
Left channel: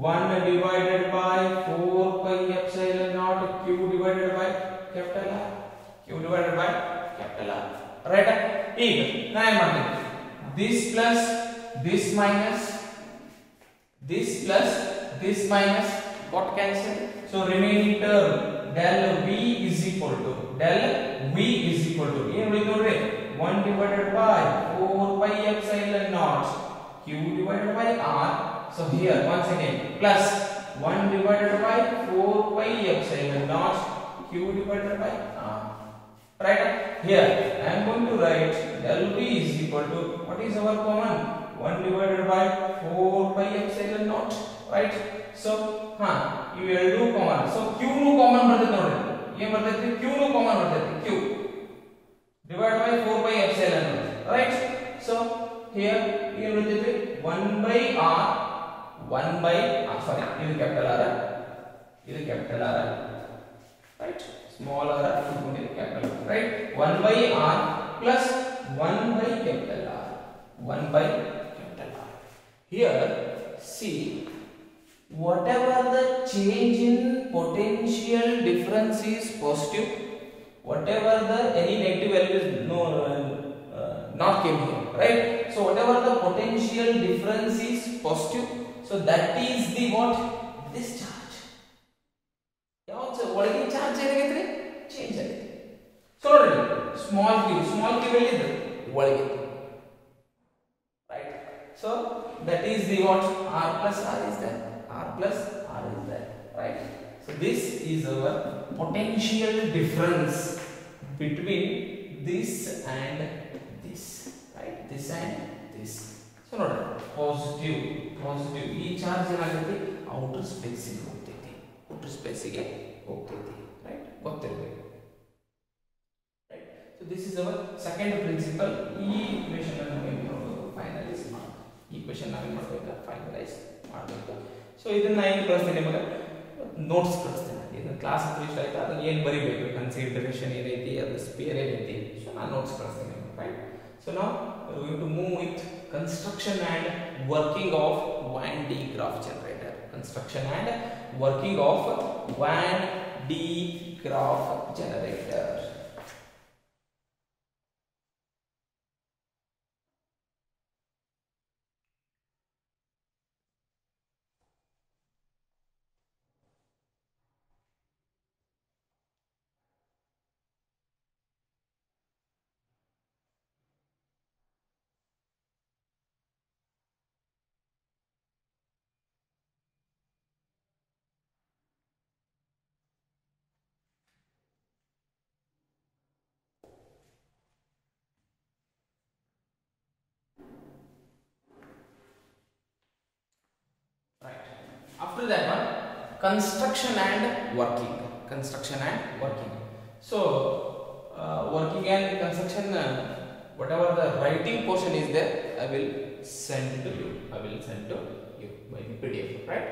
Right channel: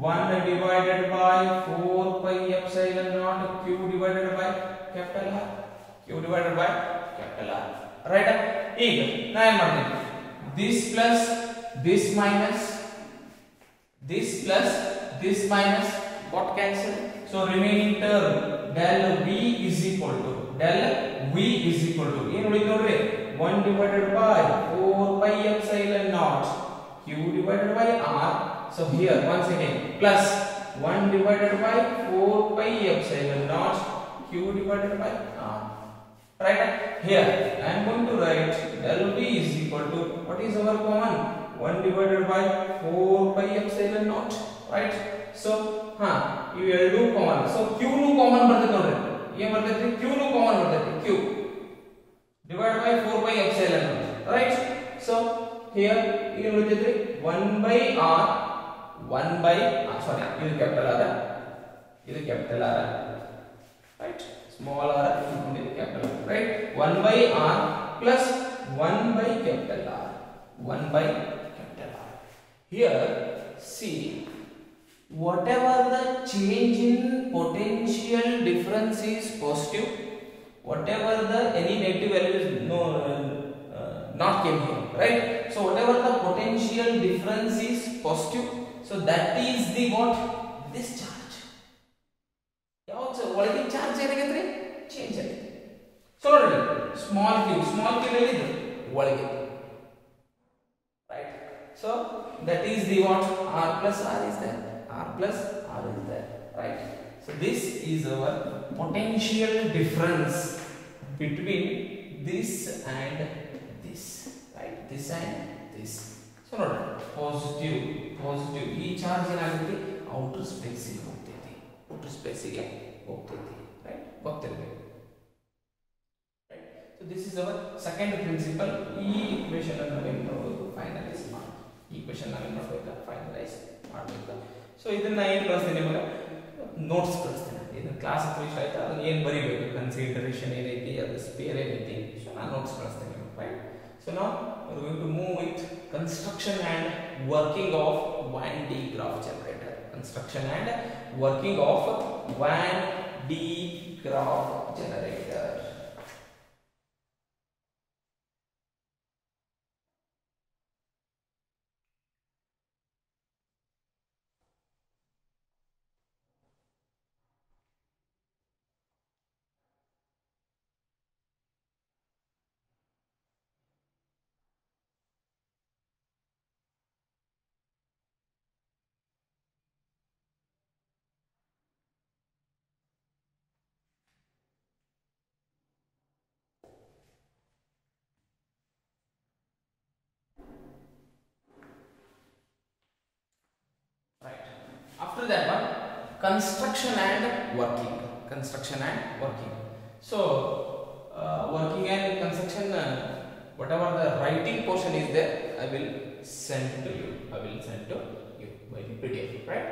1 divided by 4 pi epsilon naught q divided by capital R, q divided by capital R, right? ಈಗ ನಾ ಏನು ಮಾಡ್ತೀನಿ this plus this minus got cancelled, so remaining term del v is equal to ಏನು ಉಳಿತು ನೋಡ್ರಿ 1 divided by 4 pi epsilon naught q divided by r. So here once again plus 1 divided by 4 pi epsilon naught q divided by r. Right? Here I am going to write del v is equal to, what is our common? 1 divided by 4 pi epsilon naught. Right? So ಇವೆರಡು common. So q ನು ಕಾಮನ್ ಬರ್ತೈತೆ ನೋಡ್ರಿ. ಏನು ಬರ್ತೈತಿ? q ನು ಕಾಮನ್ ಬರ್ತೈತಿ. q divided by 4 pi epsilon naught. Right? So here ಏನು ಉಳಿತೈತಿ? 1 by r sorry, ಇದು ಕ್ಯಾಪಿಟಲ್ r, ಇದು capital r. Right? Small r ಇಟ್ಕೊಂಡಿದೆ capital r. Right? 1 by r plus 1 by capital R. 1 by capital R. Here see, whatever the change in potential difference is positive, whatever the any negative value is not came here, right? So whatever the potential difference is positive, so that is the what? This charge. ಯಾವುದು ಒಳಗಿನ ಚಾರ್ಜ್ ಏನಾಗೈತ್ರಿ? ಚೇಂಜ್ ಆಗಿದೆ. ಸೊ ನೋಡಿ small q ಎಲ್ಲಿದೆ? ಒಳಗೆ. Right? So that is the what? R plus R is there. R plus R is there, right? So this is our potential difference between this and this, right? This and this. So note positive ಈ ಚಾರ್ಜ್ ಏನಾಗುತ್ತೆ outer space ಗೆ ಹೋಗ್ತೈತಿ, right? ಗೊತ್ತಿರಬೇಕು, right? So this is our second principle. ಈ ಈಕ್ವೇಷನ್ ಅನ್ನು ನಾವು ಏನು ಮಾಡಬೇಕು? ಫೈನಲೈಸ್ ಮಾಡಬೇಕು. ಈ ಈಕ್ವೇಷನ್ ನಾವು ಏನು ಮಾಡಬೇಕು? ಫೈನಲೈಸ್ ಮಾಡಬೇಕು. ಸೊ ಇದನ್ನ ಏನು ಕಳಿಸ್ತೀನಿ ನಿಮಗೆ? ನೋಟ್ಸ್ ಕಳಿಸ್ತೀನಿ. ಈಗ ಕ್ಲಾಸ್ ಹತ್ರ ಇಷ್ಟ ಆಯ್ತು ಅದನ್ನ ಏನು ಬರೀಬೇಕು, ಕನ್ಸಿಡರೇಷನ್ ಏನೈತಿ, ಅದು ಸ್ಪೇರ್ ಏನೈತಿ, ಸೊ ನಾನು ನೋಟ್ಸ್ ಕಳಿಸ್ತೀನಿ ನಿಮಗೆ, ರೈಟ್? ಸೊ ನಾವು going to move with construction and working of Van-De Graff generator. Construction and working of Van-De Graff generator. After that one, construction and working. Construction and working. So working and construction, whatever the writing portion is there, I will send to you. I will send to you by the PDF, right?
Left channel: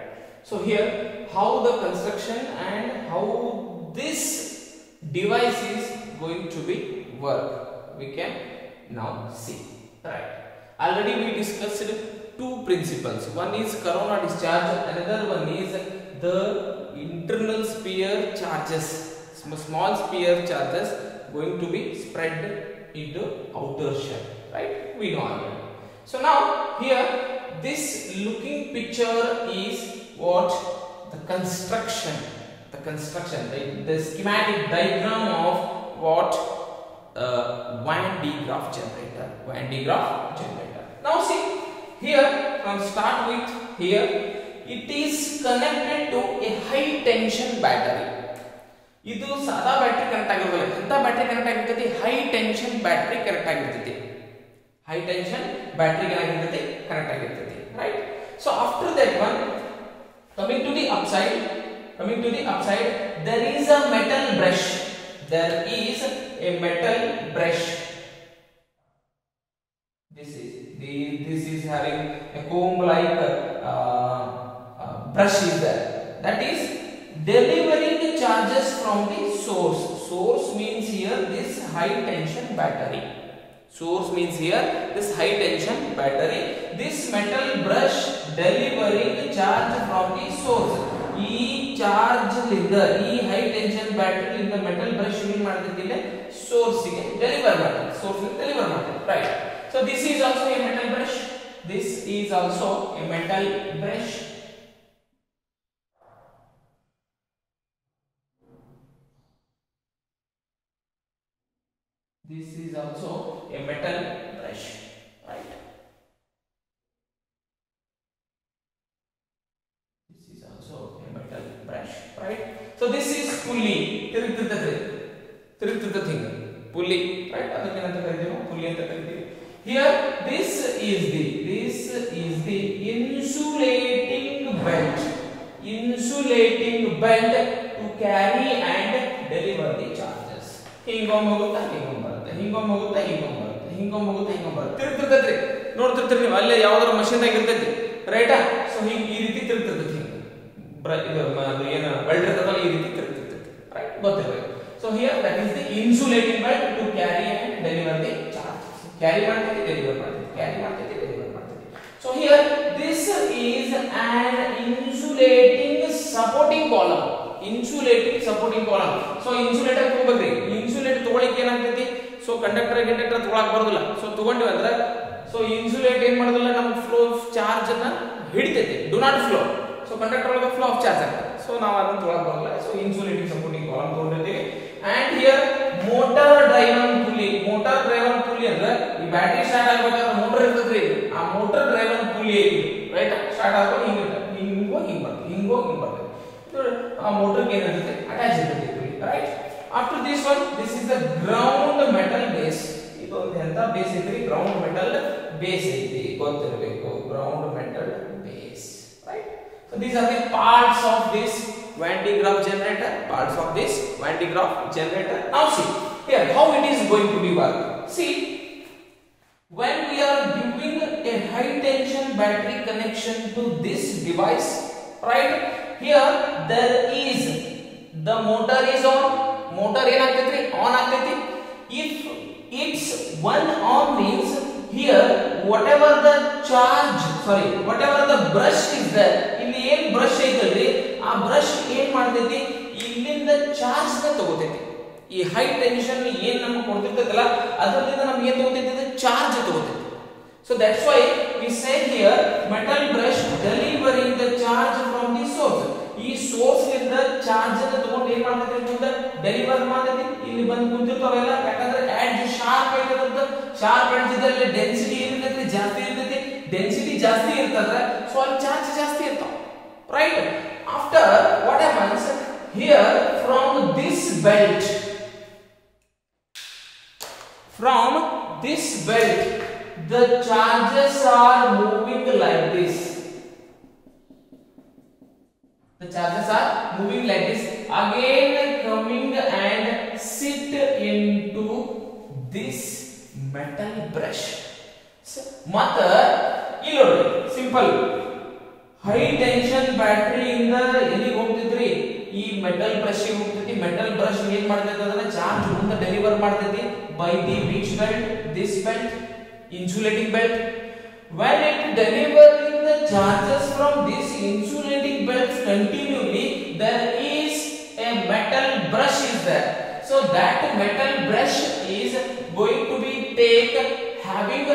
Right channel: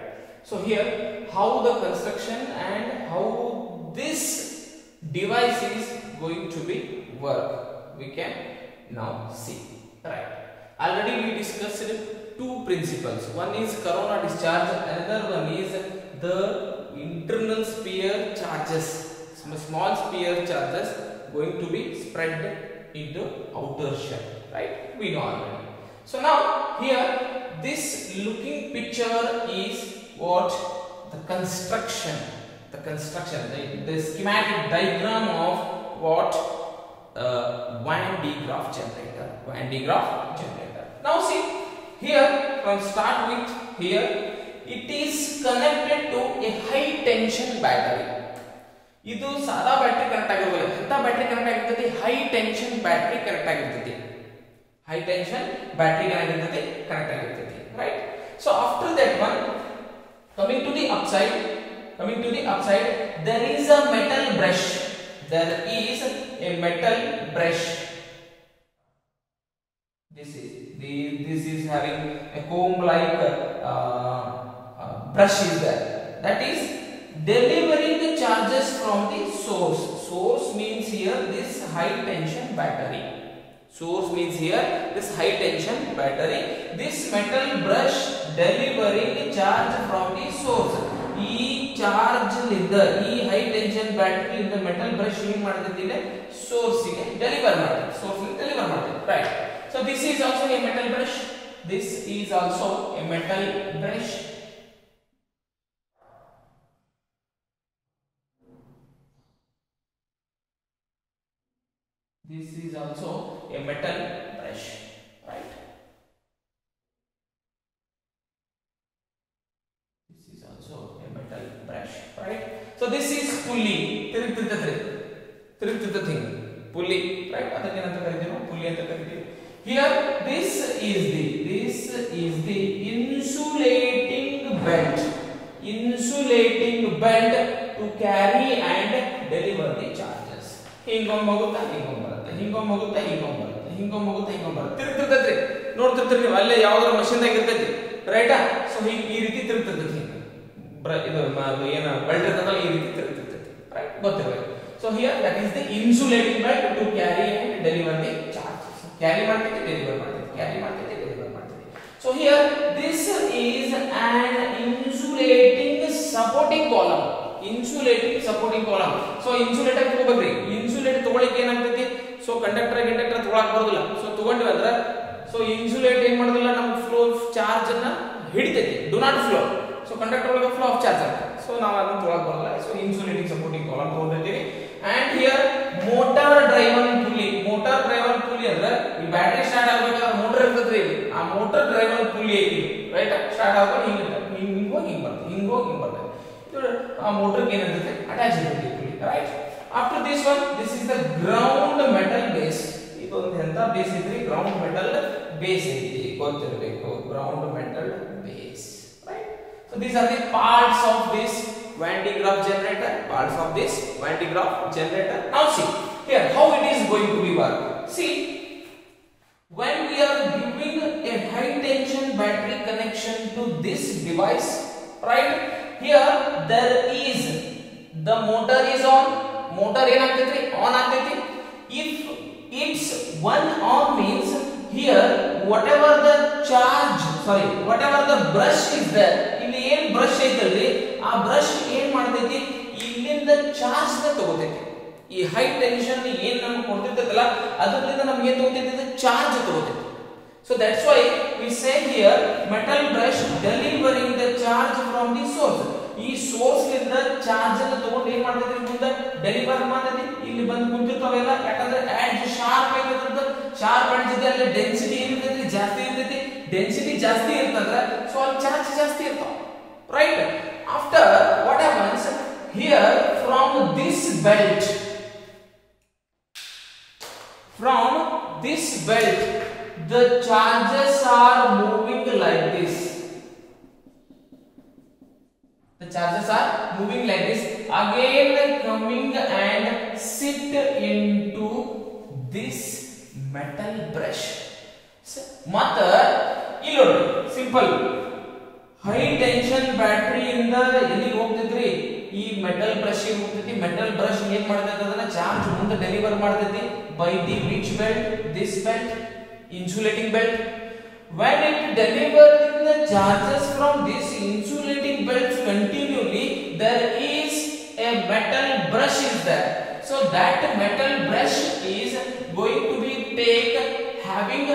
So here, how the construction and how this device is going to be work, we can now see, right? Already we discussed two principles. One is corona discharge, another one is the internal sphere charges, small sphere charges going to be spread into outer shell, right? We know already. So now here this looking picture is what? The construction, the schematic diagram of what? Van-De Graff generator. Now see here, from start with here, it is connected to a high tension battery. ಇದು ಸಾದಾ battery connect ಆಗಿರೋದಿಲ್ಲ. ಎಂತ battery connect ಆಗಿರ್ತೈತಿ? High tension battery connect ಆಗಿರ್ತೈತಿ. High tension battery ಏನಾಗಿರ್ತೈತಿ? Connect ಆಗಿರ್ತೈತಿ, right? So after that one, coming to the upside, there is a metal brush. This is having a comb like brush is there. That is delivering the charges from the source. Source means here this high tension battery. This metal brush delivering charge from the source. ಈ charge ಲಿಂದ ಈ high tension battery ಇಂದ metal brush ಏನ್ ಮಾಡ್ತೈತಿ ಇಲ್ಲಿ source ಗೆ deliver ಮಾಡ್ತೈತಿ, right? So this is also a metal brush. This is also a metal brush. This is also a metal brush, right? This is also a metal brush, right? So this is pulley. ತಿರುಗ್ತಿರ್ತದೆ thing. Pulley, right? ಅದಕ್ಕೆ ಏನಂತ ಕರೀತೀವಿ? Pulley ಅಂತ ಕರೀತೀವಿ. Here this is the insulating belt to carry and deliver the charges. ಹಿಂಗೊಮ್ಮೆ ಹೋಗುತ್ತೆ, ತಿರುಗ್ತಿರ್ತೈತ್ರಿ. ನೋಡ್ತಿರ್ತೀರಿ ನೀವು, ಅಲ್ಲೇ ಯಾವ್ದಾದ್ರು ಮಷೀನ್ ದಾಗ ಇರ್ತೈತಿ, ರೈಟಾ? ಸೊ ಹಿಂಗ್ ಈ ರೀತಿ ತಿರುಗ್ತಿರ್ತೈತಿ. ಹಿಂಗ ಇದು ಏನ ಬೆಲ್ಟ್ ಇರ್ತದಲ್ಲ, ಈ ರೀತಿ ತಿರುಗ್ತಿರ್ತೈತಿ, ರೈಟ್? ಗೊತ್ತಿರಬೇಕು. So here that is the insulating belt to carry and deliver the charges. Carry ಮಾಡ್ತೈತಿ, ಡೆಲಿವರ್ ಮಾಡ್ತೈತಿ. So here this is an insulating supporting column. So insulator ತಗೋಬೇಕ್ರಿ. ಇನ್ಸುಲೇಟರ್ ತಗೊಳಿಕ್ಕೆ ಏನಾಗ್ತೈತಿ? ಸೊ ಕಂಡಕ್ಟರ್ ತಗೊಳಕ್ ಬರೋದಿಲ್ಲ. ಸೊ ತಗೊಂಡಿವಿ ಅಂದ್ರ ಸೊ ಇನ್ಸುಲೇಟ್ ಏನ್ ಮಾಡೋದಿಲ್ಲ, ನಮ್ಗೆ ಫ್ಲೋ ಆಫ್ ಚಾರ್ಜ್ ಅನ್ನ ಹಿಡಿತೈತಿ. Do not flow. So conductor ಒಳಗೆ ಫ್ಲೋ ಆಫ್ ಚಾರ್ಜ್ ಆಗ್ತದೆ. ಸೊ ನಾವು ಅದನ್ನ ತಗೊಳಕ್ ಬರೋದಿಲ್ಲ. ಸೊ ಇನ್ಸುಲೇಟಿಂಗ್ ಸಪೋರ್ಟಿಂಗ್ ಕಾಲಮ್ ತಗೊಂಡಿರ್ತೀವಿ. And here motor driven pulley ಅಂದ್ರೆ ಈ ಬ್ಯಾಟರಿ ಸ್ಟಾರ್ಟ್ ಆಗ್ಬೇಕಾದ್ರೆ ಮೋಟರ್ ಇರ್ತದ್ರಿ, ಆ ಮೋಟಾರ್ ಡ್ರೈವನ್ ಪುಲ್ಲಿ ಐತಿ, ರೈಟ್? ಸ್ಟಾರ್ಟ್ ಆಗ್ಬೇಕು, ಹಿಂಗ್ ಹೋಗಿ ಬರ್ತದೆ. ಆ ಮೋಟರ್ ಗೆ ಏನಿರ್ತದೆ? ಅಟ್ಯಾಚ್ ಇರ್ತದೆ pulley, right? After this one, this is the ground metal base. ಇದೊಂದು ಎಂತ ಬೇಸ್ ಐತ್ರಿ? ಗ್ರೌಂಡ್ ಮೆಟಲ್ ಬೇಸ್ ಐತಿ, ಗೊತ್ತಿರಬೇಕು. Ground metal base, right? So these are the parts of this Van-De Graff generator. Now see here how it is going to be work. See, when we are giving a high tension battery connection to this device, right? Here there is the motor is on. Motor ಏನಾಗ್ತೈತಿ? ಆನ್ ಆಗ್ತೈತಿ. If it's one on means here whatever the brush is there, ಇಲ್ಲಿ ಏನ್ ಬ್ರಷ್ ಐತಲ್ರಿ, ಆ ಬ್ರಷ್ ಏನ್ ಮಾಡ್ತೈತಿ? ಇಲ್ಲಿಂದ ಚಾರ್ಜ್ ನ ತಗೋತೈತಿ. ಈ ಹೈ ಟೆನ್ಷನ್ ಏನ್ ನಮಗೆ ಕೊಡ್ತಿರ್ತೈತಲ್ಲ, ಅದರಿಂದ ನಮ್ಗೆ ಏನ್ ತಗೋತೈತಿ? ಚಾರ್ಜ್ ತಗೋತೈತಿ. So that's why we say here metal brush delivering the charge from the source. ಈ ಸೋರ್ಸ್ ಲಿಂದ ಚಾರ್ಜ್ ಅನ್ನು ತಗೊಂಡು ಏನ್ ಮಾಡ್ತೈತಿ? ಮುಂದೆ ಡೆಲಿವರ್ ಮಾಡ್ತೈತಿ. ಇಲ್ಲಿ ಬಂದು ಕುಂತಿರ್ತಾವೆಲ್ಲ, ಯಾಕಂದ್ರೆ ಎಡ್ಜ್ ಶಾರ್ಪ್ ಐತಂತ. ಶಾರ್ಪ್ ಎಡ್ಜ್ ಇದ್ದಲ್ಲಿ ಡೆನ್ಸಿಟಿ ಏನಿರ್ತೈತಿ? ಜಾಸ್ತಿ ಇರ್ತೈತಿ. ಡೆನ್ಸಿಟಿ ಜಾಸ್ತಿ ಇರ್ತಂದ್ರೆ ಸೊ ಅಲ್ಲಿ ಚಾರ್ಜ್ ಜಾಸ್ತಿ ಇರ್ತಾವ, right? After what happens here from this belt, the charges are moving like this. The charges are moving like this, again coming and sit into this metal brush. ಮತ್ತ ಇಲ್ಲಿ ನೋಡಿ ಸಿಂಪಲ್, ಹೈ ಟೆನ್ಷನ್ ಬ್ಯಾಟರಿ ಇಂದ ಎಲ್ಲಿಗೆ ಹೋಗ್ತಿದ್ರಿ, ಈ metal brush ಹೋಗ್ತೈತಿ. Metal brush ಏನ್ ಮಾಡ್ತೈತಿ ಅಂದ್ರೆ ಚಾರ್ಜ್ ಮುಂದೆ ಡೆಲಿವರ್ ಮಾಡ್ತೈತಿ by the which belt, this belt, insulating belt. When it delivering the charges from this insulating belts continually, there is a metal brush is there. So that metal brush is going to be take having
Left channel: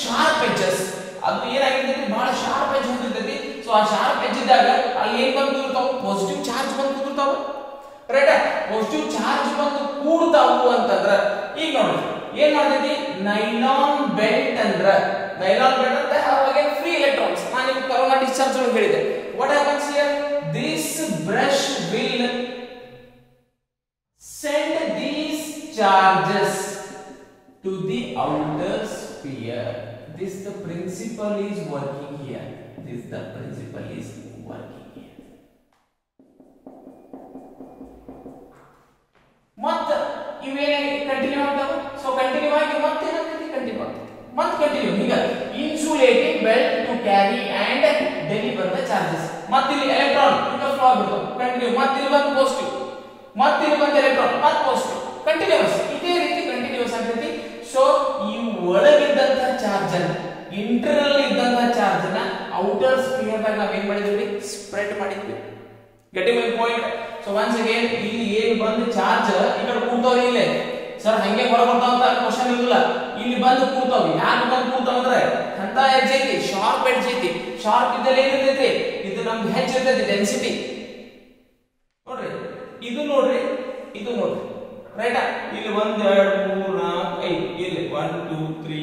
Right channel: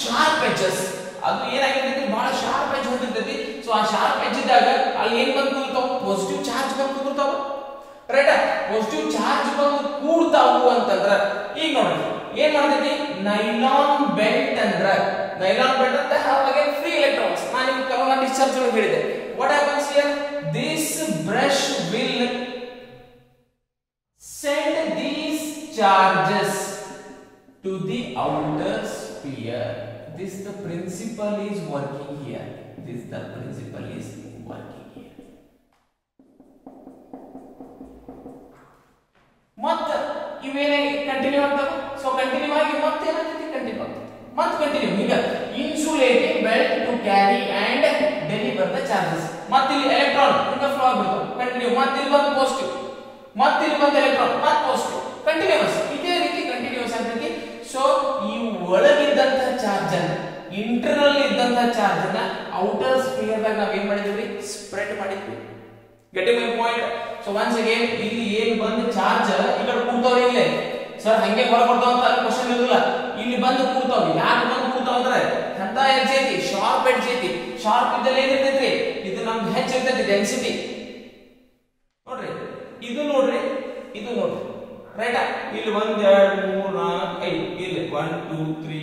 sharp edges. ಅದು ಏನಾಗಿರ್ತೈತಿ, ಬಹಳ sharp edge ಹೊಂದಿರ್ತೈತಿ. ಸೊ ಆ sharp edge ಇದ್ದಾಗ ಅಲ್ಲಿ ಏನ್ ಬಂದು ಕೂರ್ತಾವ, ಪಾಸಿಟಿವ್ ಚಾರ್ಜ್ ಬಂದು ಕೂರ್ತಾವ. ರೈಟ್, ಪಾಸಿಟಿವ್ ಚಾರ್ಜ್ ಬಂದು ಕೂಡ್ತಾವು ಅಂತಂದ್ರ ಈಗ ನೋಡ್ರಿ ಏನ್ ಮಾಡ್ತೈತಿ, ನೈಲಾನ್ ಬೆಲ್ಟ್ ಅಂದ್ರ, ನೈಲಾನ್ ಬೆಲ್ಟ್ ಅಂತ ಅವಾಗ ಫ್ರೀ ಎಲೆಕ್ಟ್ರಾನ್ಸ್. ನಾನು ನಿಮ್ಗೆ ಕರೋನಾ ಡಿಸ್ಚಾರ್ಜ್ ಒಳಗೆ ಹೇಳಿದೆ. What happens here, this brush will send these charges to the outer sphere. This the principle is working here. This the principle is working here. ಮತ್ತ ಇವೇನಾಗಿ continue ಆಗ್ತಾವ. So continue ಆಗಿ ಮತ್ತೆ ಏನಾಗ್ತೈತಿ, ಕಂಟಿನ್ಯೂ ಆಗ್ತೈತಿ, ಮತ್ತೆ ಕಂಟಿನ್ಯೂ ಹಿಂಗ insulating belt to carry and deliver the charges. ಮತ್ತೆ ಇಲ್ಲಿ ಎಲೆಕ್ಟ್ರಾನ್ ಹಿಂಗ ಫ್ಲೋ ಆಗ್ಬಿಡ್ತಾವ ಕಂಟಿನ್ಯೂ. ಮತ್ತೆ ಇಲ್ಲಿ ಬಂದು ಪಾಸಿಟಿವ್, ಮತ್ತೆ ಇಲ್ಲಿ ಬಂದು ಎಲೆಕ್ಟ್ರಾನ್, ಮತ್ತೆ ಪಾಸಿಟಿವ್, ಕಂಟಿನ್ಯೂಸ್ ಇದೇ ರೀತಿ ಕಂಟಿನ್ಯೂಸ್ ಆಗ್ತೈತಿ. ಸೊ ಈ ಒಳಗಿದ್ದಂತ ಚಾರ್ಜ್ ಅನ್ನ, ಇಂಟರ್ನಲ್ ಇದ್ದಂತ ಚಾರ್ಜ್ ಅನ್ನ ಔಟರ್ ಸ್ಪಿಯರ್ ದಾಗ ನಾವ್ ಏನ್ ಮಾಡಿದ್ವಿ, ಸ್ಪ್ರೆಡ್ ಮಾಡಿದ್ವಿ. Getting my point. So once again ಇಲ್ಲಿ ಏನ್ ಬಂದು ಚಾರ್ಜ್ ಈ ಕಡೆ ಕೂಡ್ತಾವ್ರಿ, ಇಲ್ಲೇ ಸರ್ ಹಂಗೆ ಹೊರ ಬರ್ತಾವ ಅಂತ ಕ್ವಶನ್ ಇರಲಿಲ್ಲ. ಇಲ್ಲಿ ಬಂದು ಕೂಡ್ತಾವ್ರಿ. ಯಾಕೆ ಬಂದು ಕೂಡ್ತಾವ ಅಂದ್ರೆ ಅಂತ ಎಡ್ಜ್ ಐತಿ, ಶಾರ್ಪ್ ಎಡ್ಜ್ ಐತಿ. ಶಾರ್ಪ್ ಇದ್ದಲ್ಲಿ ಏನಿರ್ತೈತಿ, ಇದು ನಮ್ಗೆ ಹೆಚ್ಚಿರ್ತೈತಿ ಡೆನ್ಸಿಟಿ. ನೋಡ್ರಿ ಇದು ನೋಡ್ರಿ, ಇದು ನೋಡ್ರಿ, ರೈಟ್. ಇಲ್ಲಿ 1 2 3 4 5, ಇಲ್ಲಿ 1 2 3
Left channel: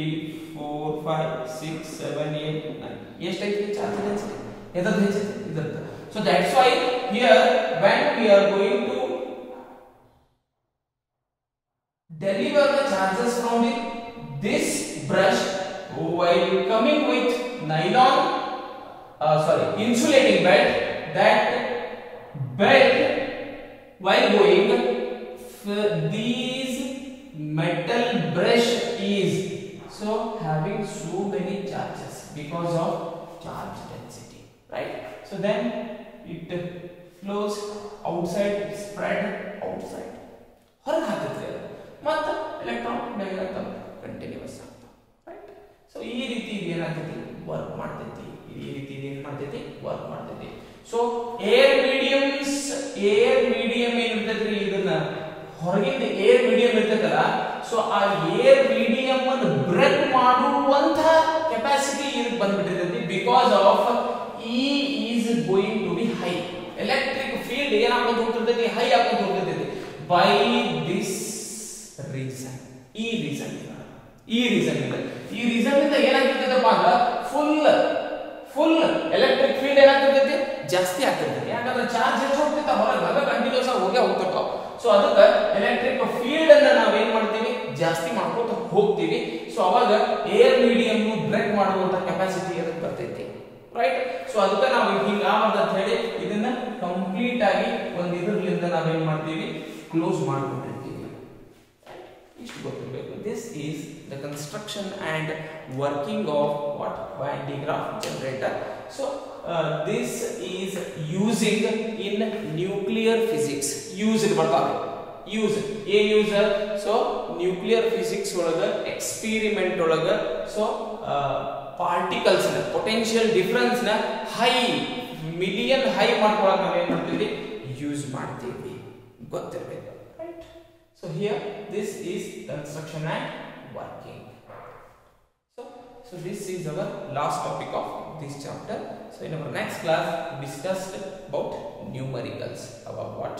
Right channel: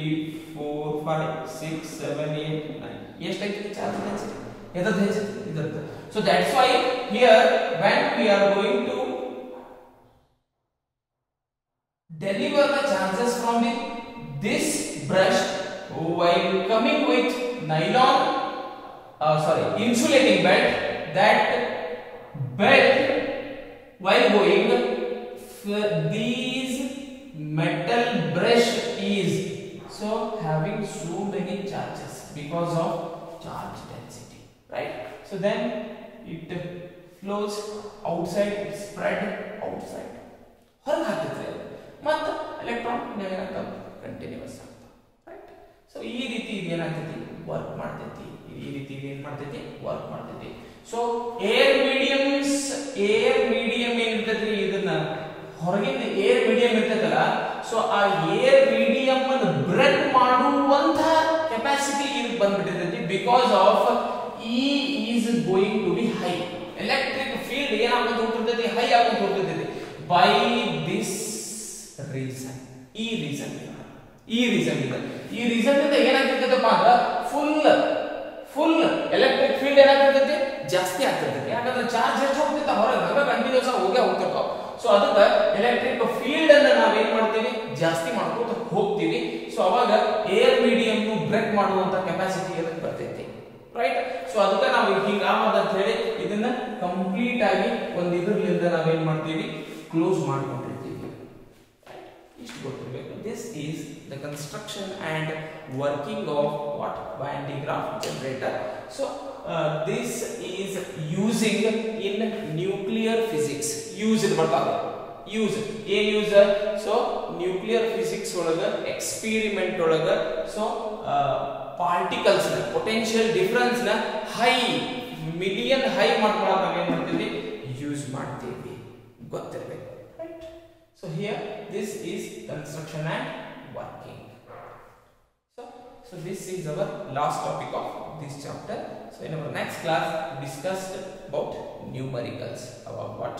4 5 6 7 8 9 ಎಷ್ಟೈತಿ ಚಾರ್ಜ್ ಡೆನ್ಸಿಟಿ, ಎದರ ಹೆಚ್ಚೈತಿ, ಇದರ. So that's why here when we are going to deliver the charges from this brush while coming with nylon insulating belt, that belt while going these metal brush is so having so many charges because of charge density, right? So then it flows outside, spread outside, ಹೊರಗೆ ಹಾಕುತ್ತೆ ಮತ್ತೆ ಎಲೆಕ್ಟ್ರಾನ್ ಏನಾಗ್ತಾವ, ಕಂಟಿನ್ಯೂಸ್ ಆಗ್ತಾವ, right. So ಈ ರೀತಿ ಇದು ಏನಾಗ್ತೈತಿ, ವರ್ಕ್ ಮಾಡ್ತೈತಿ. ಈ ರೀತಿ ಇದು ಏನ್ ಮಾಡ್ತೈತಿ, ವರ್ಕ್ ಮಾಡ್ತೈತಿ. ಸೊ ಏರ್ ಮೀಡಿಯಂ ಏನಿರ್ತೈತಿ, ಇದನ್ನ ಹೊರಗಿಂದ ಏರ್ ಮೀಡಿಯಂ ಇರ್ತೈತಲ್ಲ, ಸೊ ಆ ಏರ್ ಮೀಡಿಯಂ ಅನ್ನು ಬ್ರೇಕ್ ಮಾಡುವಂತ ಕೆಪಾಸಿಟಿ ಇದಕ್ಕೆ ಬಂದ್ಬಿಟ್ಟಿರ್ತೈತಿ. Because of E is going to be high, electric field ಏನಾಗ್ಕೊಂತ ಹೋಗ್ತಿರ್ತೈತಿ, ಹೈ ಆಗ್ಕೊಂತ ಹೋಗ್ತಿರ್ತೈತಿ. ಬೈ ದಿಸ್ ರೀಸನ್, ಈ ರೀಸನ್ ಇಂದ ಏನಾಗ್ತಿರ್ತೈತಪ್ಪ ಅಂದ್ರೆ ಫುಲ್ ಎಲೆಕ್ಟ್ರಿಕ್ ಫೀಲ್ಡ್ ಏನಾಗ್ತಿರ್ತೈತಿ, ಜಾಸ್ತಿ ಆಗ್ತಿರ್ತೈತಿ. ಯಾಕಂದ್ರೆ ಚಾರ್ಜ್ ಹೆಚ್ಚು ಹೋಗ್ತೈತೆ ಹೊರಗೆ, ಹಂಗ ಕಂಟಿನ್ಯೂಸ್ ಆಗಿ ಹೋಗ್ತಿರ್ತಾವ. ಸೊ ಅದಕ್ಕೆ ಎಲೆಕ್ಟ್ರಿಕ್ ಫೀಲ್ಡ್ ಅನ್ನ ನಾವ್ ಏನ್ ಮಾಡ್ತೀವಿ, ಜಾಸ್ತಿ ಮಾಡ್ಕೊತ ಹೋಗ್ತೀವಿ. ಸೊ ಅವಾಗ ಏರ್ ಮೀಡಿಯಂ ಬ್ರೇಕ್ ಮಾಡುವಂತ ಕೆಪಾಸಿಟಿ ಅದಕ್ಕೆ ಬರ್ತೈತಿ, ರೈಟ್. ಸೊ ಅದಕ್ಕೆ ನಾವು ಹಿಂಗ ಅಂತ ಹೇಳಿ ಇದನ್ನ ಕಂಪ್ಲೀಟ್ ಆಗಿ ಒಂದು ಇದರಿಂದ ನಾವೇನ್ ಮಾಡ್ತೀವಿ, ಕ್ಲೋಸ್ ಮಾಡ್ಕೊಂಡಿರ್ತೀವಿ. ಇಷ್ಟು ಗೊತ್ತಿರಬೇಕು. This is the construction and working of what, Vad-De Graff generator. So this is using in nuclear physics. Used ಬರ್ತಾವೆ, ಯೂಸ್ ಏನ್ ಯೂಸ್. ಸೊ ನ್ಯೂಕ್ಲಿಯರ್ ಫಿಸಿಕ್ಸ್ ಒಳಗ ಎಕ್ಸ್ಪೆರಿಮೆಂಟ್ ಒಳಗ ಸೊ ಪಾರ್ಟಿಕಲ್ಸ್ ನ ಪೊಟೆನ್ಶಿಯಲ್ ಡಿಫರೆನ್ಸ್ ನ ಹೈ ಮಿಲಿಯನ್ ಹೈ ಮಾಡ್ಕೊಳಕ್ ನಾವ್ ಏನ್ ಮಾಡ್ತೀವಿ, ಯೂಸ್ ಮಾಡ್ತೀವಿ, ಗೊತ್ತಿರಬೇಕು, right. So here this is construction and working. So this is our last topic of this chapter. So in our next class we discussed about numericals, about what